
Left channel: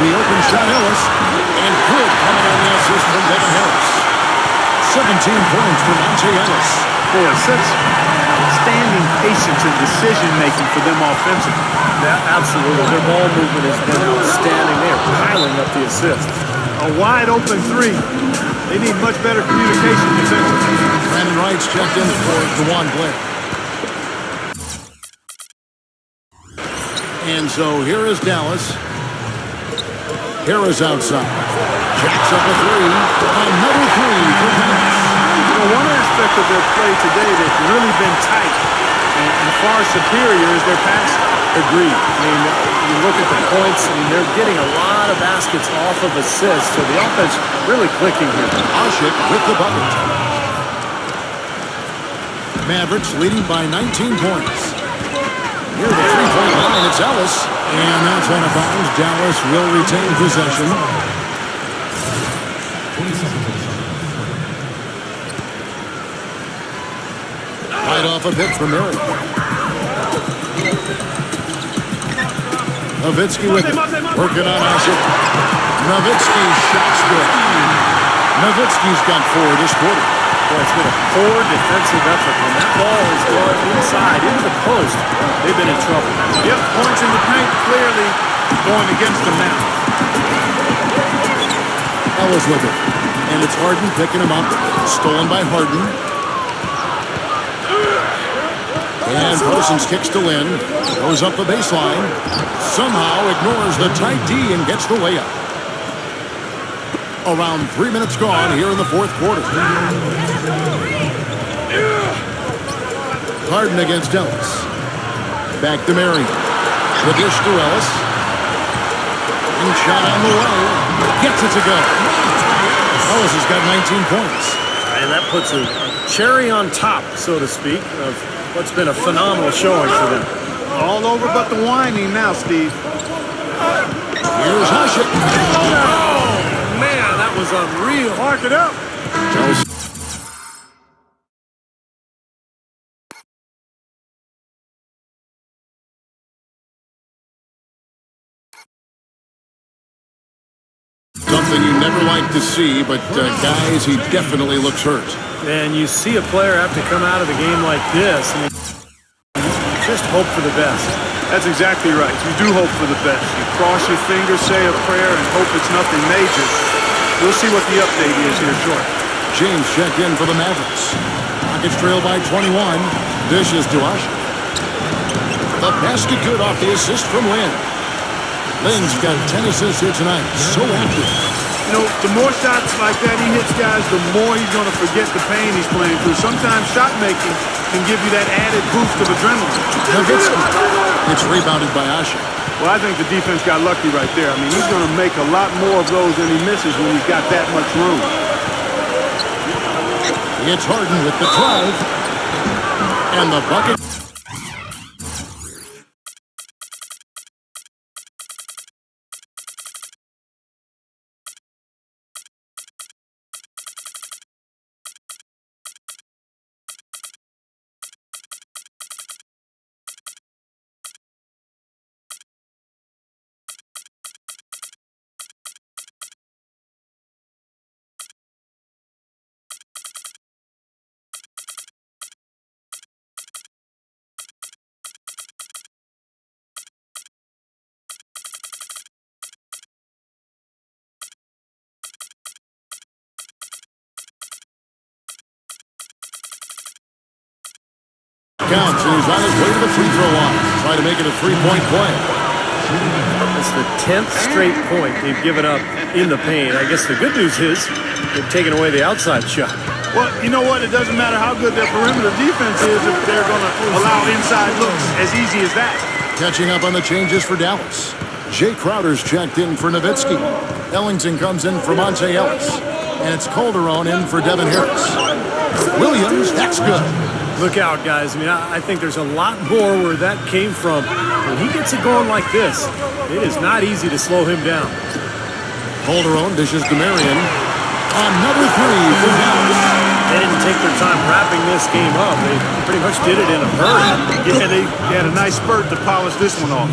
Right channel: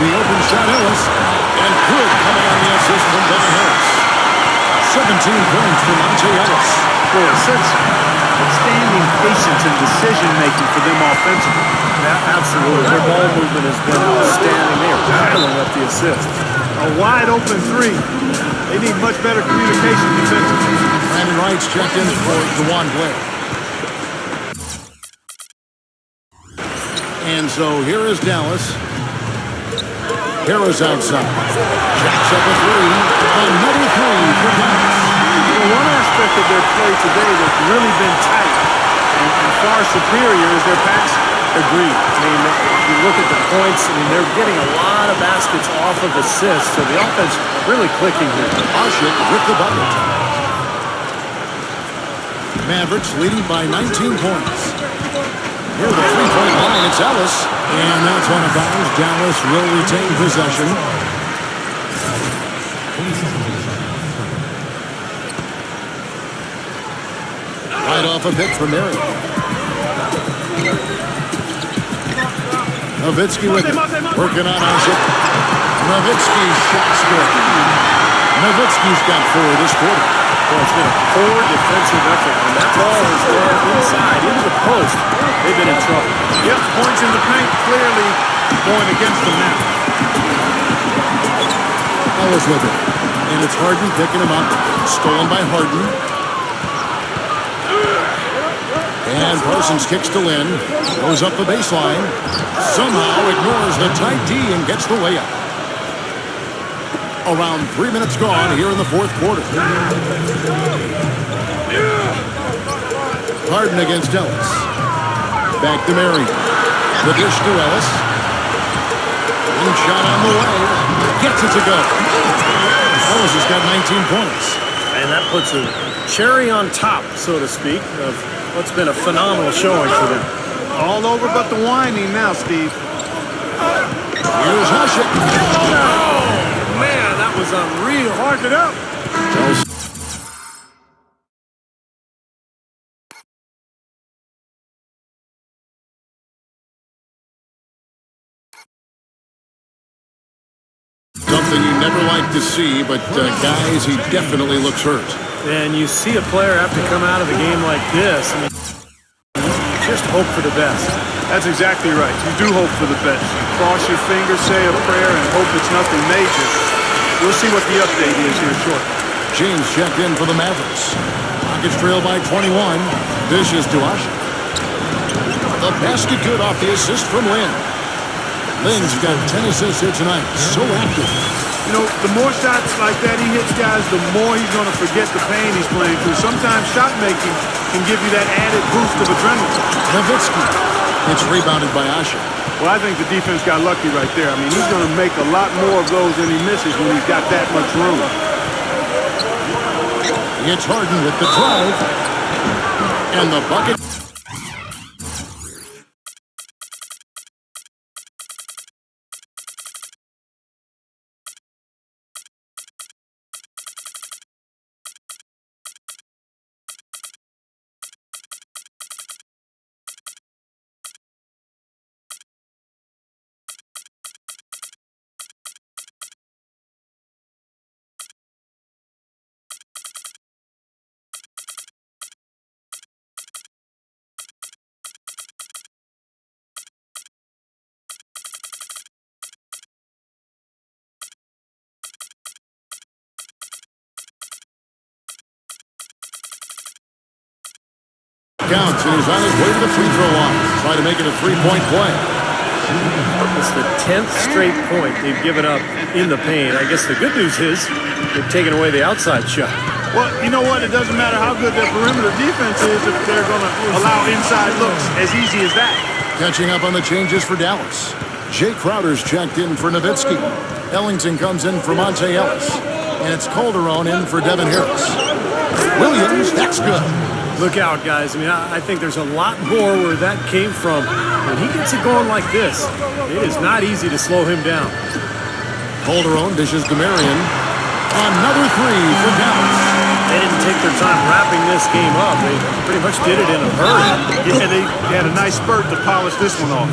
The open shot, Ellis. And good coming on the assist from Devin Harris. 17 points for Monte Ellis. Boy, such outstanding patience and decision-making for them offensively. Yeah, absolutely. Their ball movement has been outstanding. They are piling up the assists. A wide-open three. They need much better communication defensively. Brandon Wright's checked in for DeJuan Blair. And so here is Dallas. Harris outside. Jacks up a three. Another three for Dallas. You know, one aspect of their play today that's really been tight and far superior is their passing. Agreed. I mean, you look at the points, I mean, they're getting a lot of baskets off of assists, so the offense really clicking here. Ashik with the bucket. Mavericks leading by 19 points. Near the three-point line, it's Ellis. And that's on a bounce. Dallas will retain possession. 20 seconds on the shot. Right off a pitch from Mary. Nowitzki with it. Working on Ashik. Nowitzki's shot's good. Nowitzki's got 4 this quarter. Boy, it's been a poor defensive effort. When that ball has gone inside into the post, they've been in trouble. Yep, points in the paint clearly going against them now. Ellis with it. And it's Harden picking him up. Stolen by Harden. And Parsons kicks to Lin. Goes up the baseline. Somehow ignores the tight D and gets the layup. Around 3 minutes gone here in the fourth quarter. Harden against Ellis. Back to Marion. The dish to Ellis. And shot on the way. Gets it to go. Ellis has got 19 points. And that puts a cherry on top, so to speak, of what's been a phenomenal showing for them. All over but the whining now, Steve. Here's Ashik. Oh, man, that was unreal. Hark it up. Something you never like to see, but guys, he definitely looks hurt. And you see a player have to come out of a game like this. I mean, you just hope for the best. That's exactly right. You do hope for the best. You cross your fingers, say a prayer, and hope it's nothing major. We'll see what the update is here shortly. James checked in for the Mavericks. Rockets trail by 21. Dishes to Ashik. The basket good off the assist from Lin. Ling's got 10 assists here tonight. So active. You know, the more shots like that he hits, guys, the more he's going to forget the pain he's playing through. Sometimes shot making can give you that added boost of adrenaline. Nowitzki. It's rebounded by Asher. Well, I think the defense got lucky right there. I mean, he's going to make a lot more of those than he misses when he's got that much room. It's Harden with the drive. And the bucket. Counts, and he's on his way to the free throw line. Try to make it a three-point play. It's the 10th straight point they've given up in the paint. I guess the good news is they've taken away the outside shot. Well, you know what? It doesn't matter how good their perimeter defense is if they're going to allow inside looks as easy as that. Catching up on the changes for Dallas. Jay Crowder's checked in for Nowitzki. Ellington comes in for Monte Ellis. And it's Calderon in for Devin Harris. Williams, that's good. Look out, guys. I mean, I think there's a lot more where that came from. When he gets it going like this, it is not easy to slow him down. Calderon dishes to Marion. Another three for Dallas. They didn't take their time wrapping this game up. They pretty much did it in a hurry. Yeah, they had a nice spurt to polish this one off.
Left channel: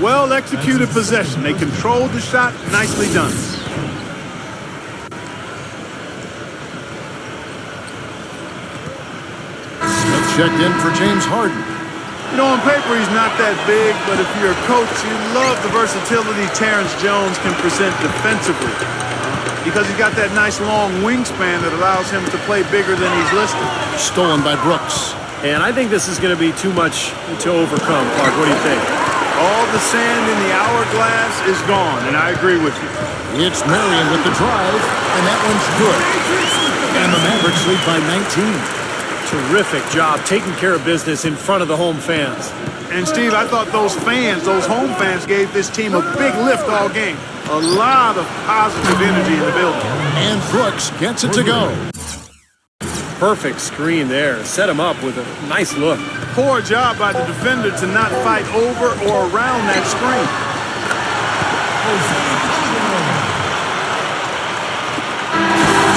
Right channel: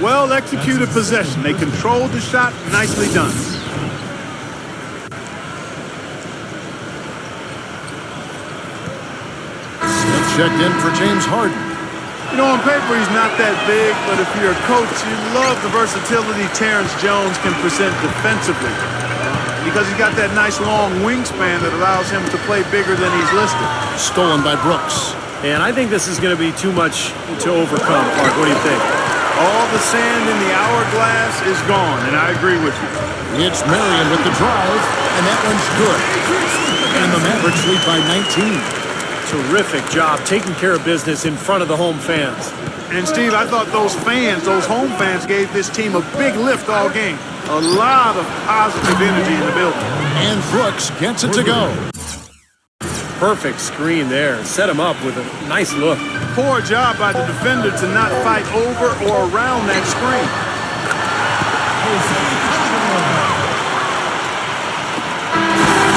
Well executed possession. They controlled the shot. Nicely done. Smith checked in for James Harden. You know, on paper, he's not that big, but if you're a coach, you love the versatility Terrence Jones can present defensively because he's got that nice long wingspan that allows him to play bigger than he's listed. Stolen by Brooks. And I think this is going to be too much to overcome, Clark. What do you think? All the sand in the hourglass is gone, and I agree with you. It's Marion with the drive, and that one's good. And the Mavericks lead by 19. Terrific job taking care of business in front of the home fans. And, Steve, I thought those home fans, gave this team a big lift all game. A lot of positive energy in the building. And Brooks gets it to go. Perfect screen there. Set him up with a nice look. Poor job by the defender to not fight over or around that screen.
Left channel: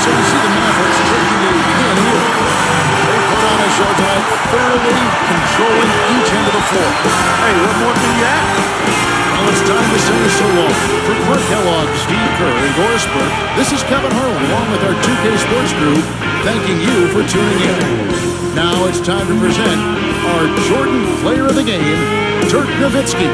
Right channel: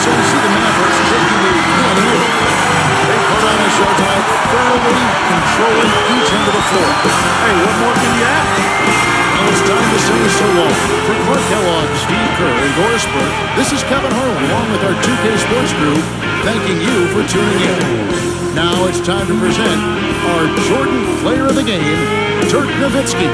So we see the Mavericks taking a win here. They put on a show tonight, thoroughly controlling each end of the floor. Hey, what more can you add? Well, it's time to say so long. For Clark Kellogg, Steve Kerr, and Doris Burke, this is Kevin Harlan, along with our 2K Sports crew, thanking you for tuning in. Now it's time to present our Jordan Player of the Game, Dirk Nowitzki.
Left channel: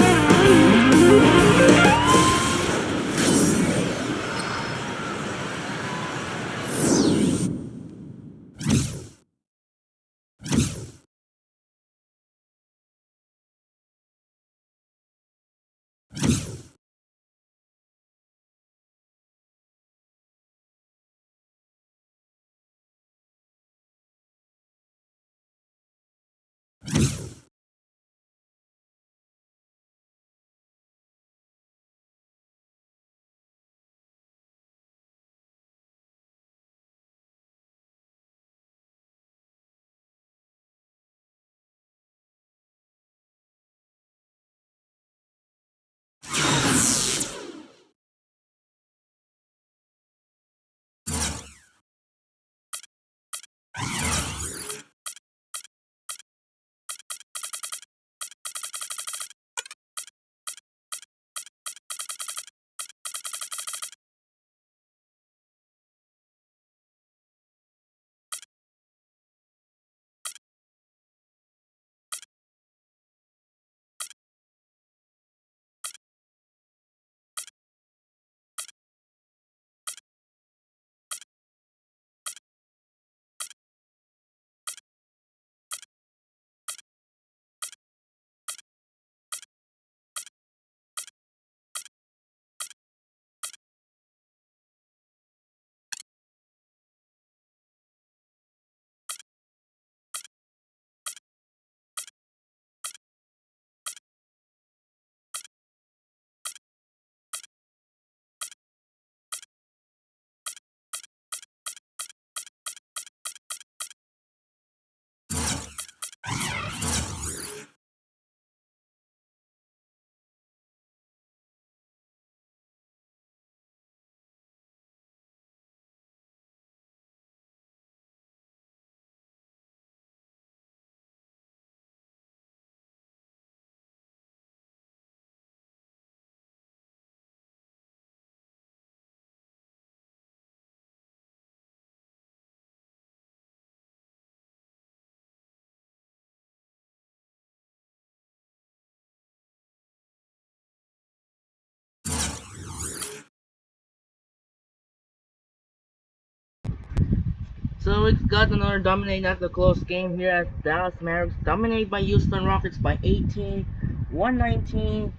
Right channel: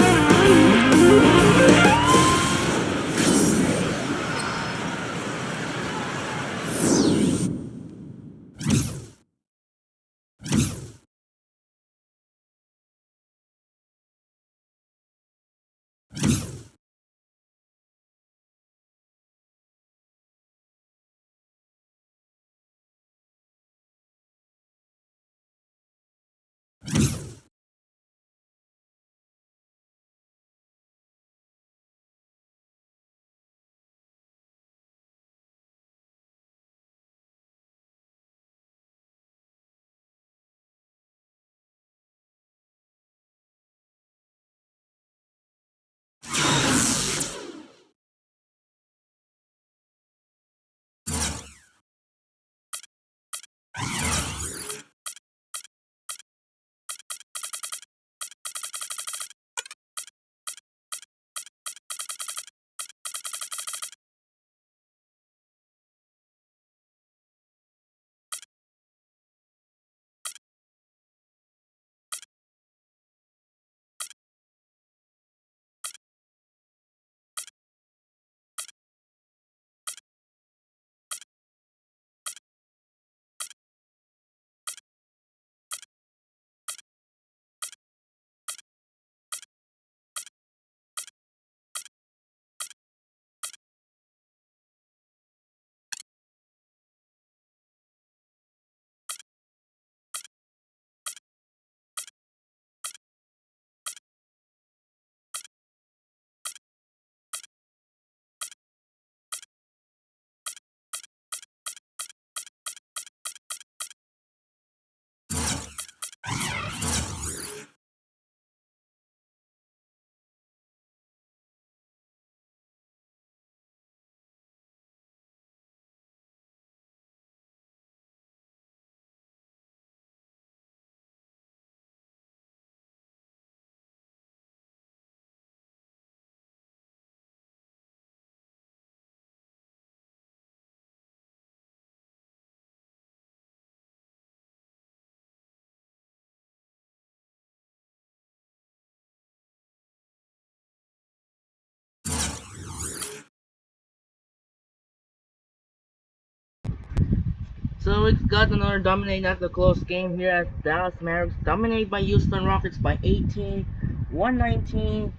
So we got another dominate after close game here at Dallas Mavericks. Dominated by Houston Rockets by 18, 119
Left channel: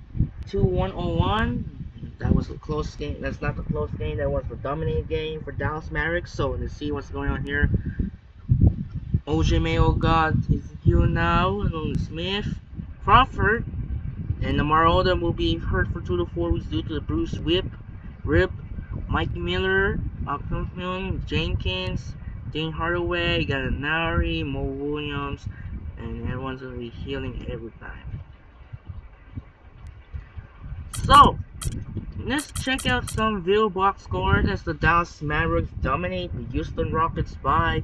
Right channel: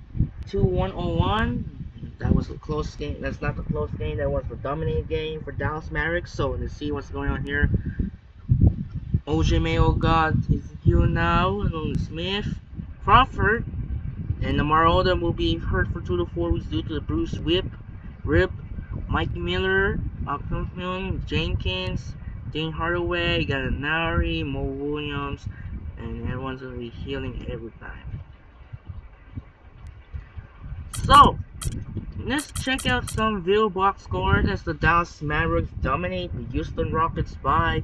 to 101. That was a close game. That's not the close game. That was the dominate game for Dallas Mavericks. So let's see what's going on here. OJ Mayo got his heel now. And Smith, Crawford, and Lamar Odom will be hurt for 2 to 4 weeks due to the bruised rib. Mike Miller, Jenkins, Dane Hardaway, Gallinari, Mo Williams, and everyone's going to be healing every time. So, let's check out some Ville box scores as the Dallas Mavericks dominate the Houston Rockets by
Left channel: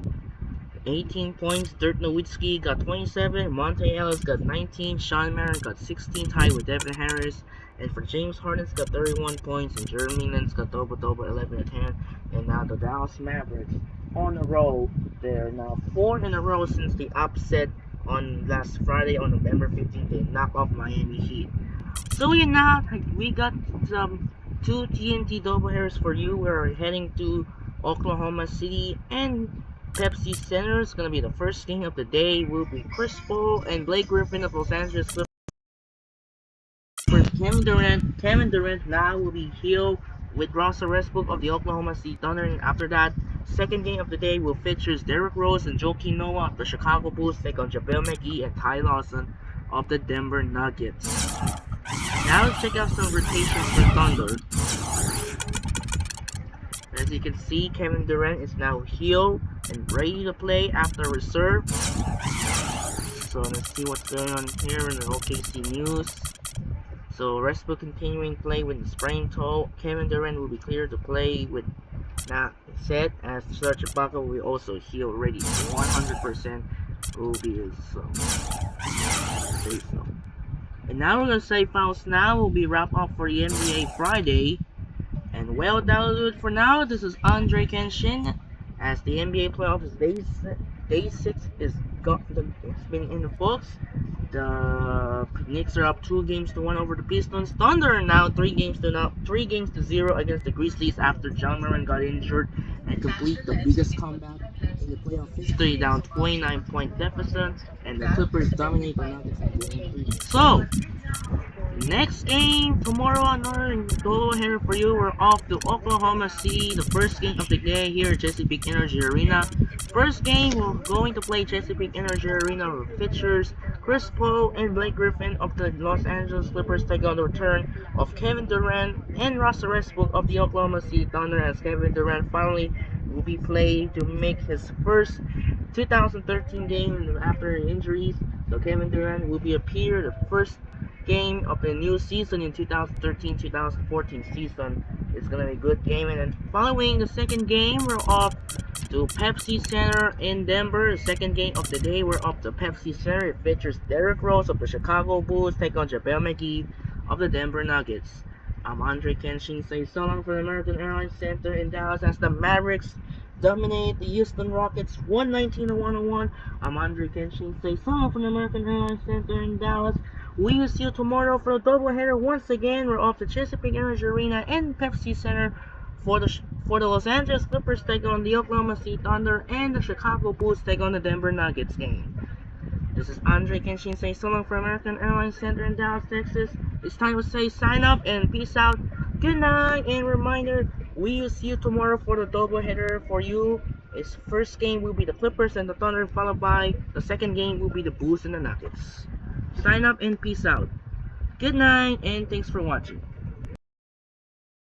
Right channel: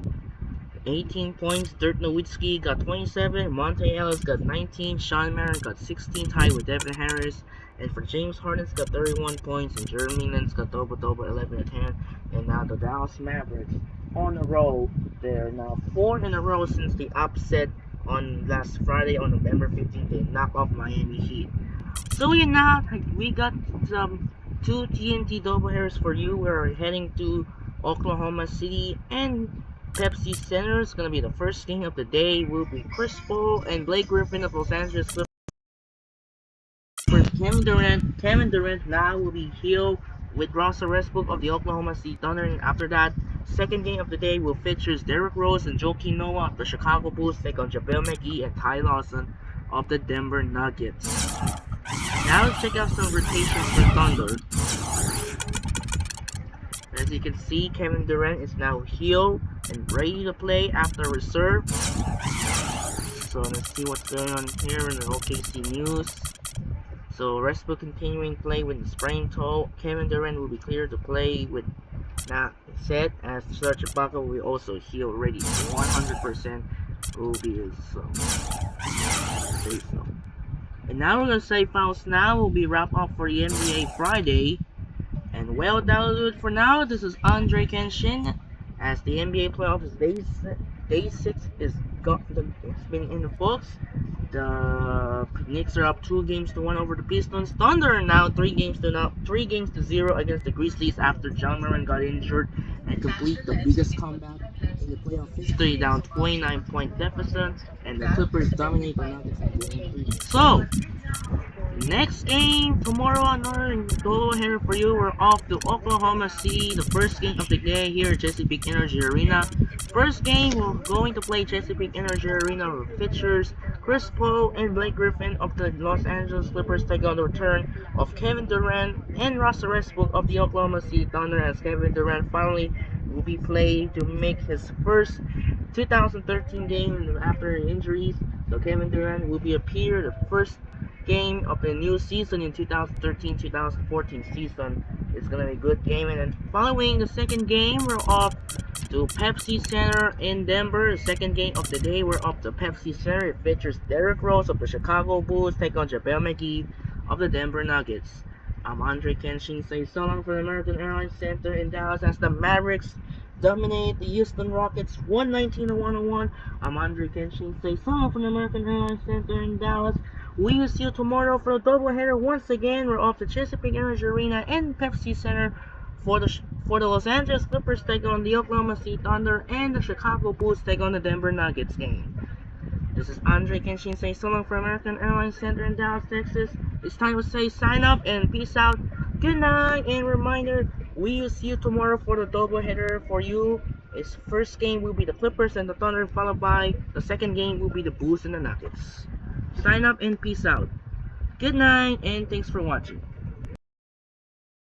18 points. Dirk Nowitzki got 27, Monte Ellis got 19, Sean Marion got 16, tied with Devin Harris. And for James Harden's got 31 points, and Jeremy Lin's got double-double, 11 and 10. And now the Dallas Mavericks on a roll. They're now 4 in a row since the upset on last Friday on November 15th. They knocked off Miami Heat. So we got some 2 TNT doubleheaders for you. We're heading to Oklahoma City and Pepsi Center. It's gonna be the first game of the day. Will be Chris Paul and Blake Griffin of Los Angeles Clippers. Kevin Durant now will be healed with Russell Westbrook of the Oklahoma City Thunder. And after that, second game of the day will feature Derrick Rose and Joakim Noah of the Chicago Bulls take on JaVale McGee and Ty Lawson of the Denver Nuggets. Now let's check out some rotations for Thunder. As you can see, Kevin Durant is now healed and ready to play after reserve. So let's see what's going on here in the OKC news. So Westbrook continuing play with the sprained toe. Kevin Durant will be cleared to play with not set, as Serge Ibaka will also heal ready. 100% will be so. And now we're gonna say fouls now will be wrapped up for the NBA Friday. And well, that'll do it for now. This is Andre Kenshin, as the NBA playoffs day 6 is it's been in the books. The Knicks are up 2 games to 1 over the Pistons. Thunder are now 3 games to 0 against the Grizzlies after John Moran got injured and complete the biggest comeback in the playoff history, down 29-point deficit, and the Clippers dominate the Nuggets in game 3. So, next game tomorrow, another doubleheader for you. We're off to Oklahoma City, the first game of the day here at Chesapeake Energy Arena. First game, we're going to play Chesapeake Energy Arena with features Chris Paul and Blake Griffin of the Los Angeles Clippers take on the return of Kevin Durant and Russell Westbrook of the Oklahoma City Thunder, as Kevin Durant finally will be playing to make his first 2013 game after injuries. So Kevin Durant will be appear the first game of the new season in 2013-2014 season. It's gonna be a good game. And then following the second game, we're off to Pepsi Center in Denver. The second game of the day, we're off to Pepsi Center. It features Derrick Rose of the Chicago Bulls take on JaVale McGee of the Denver Nuggets. I'm Andre Kenshin. Say so long for the American Airlines Center in Dallas as the Mavericks dominate the Houston Rockets 119 to 101. I'm Andre Kenshin. Say so long from the American Airlines Center in Dallas. We will see you tomorrow for a doubleheader. Once again, we're off the Chesapeake Energy Arena and Pepsi Center for the Los Angeles Clippers take on the Oklahoma City Thunder, and the Chicago Bulls take on the Denver Nuggets game. This is Andre Kenshin saying so long for American Airlines Center in Dallas, Texas. It's time to say sign up and peace out. Good night, and reminder, we will see you tomorrow for the doubleheader for you. Its first game will be the Clippers and the Thunder, followed by the second game will be the Bulls and the Nuggets. Sign up and peace out. Good night, and thanks for watching.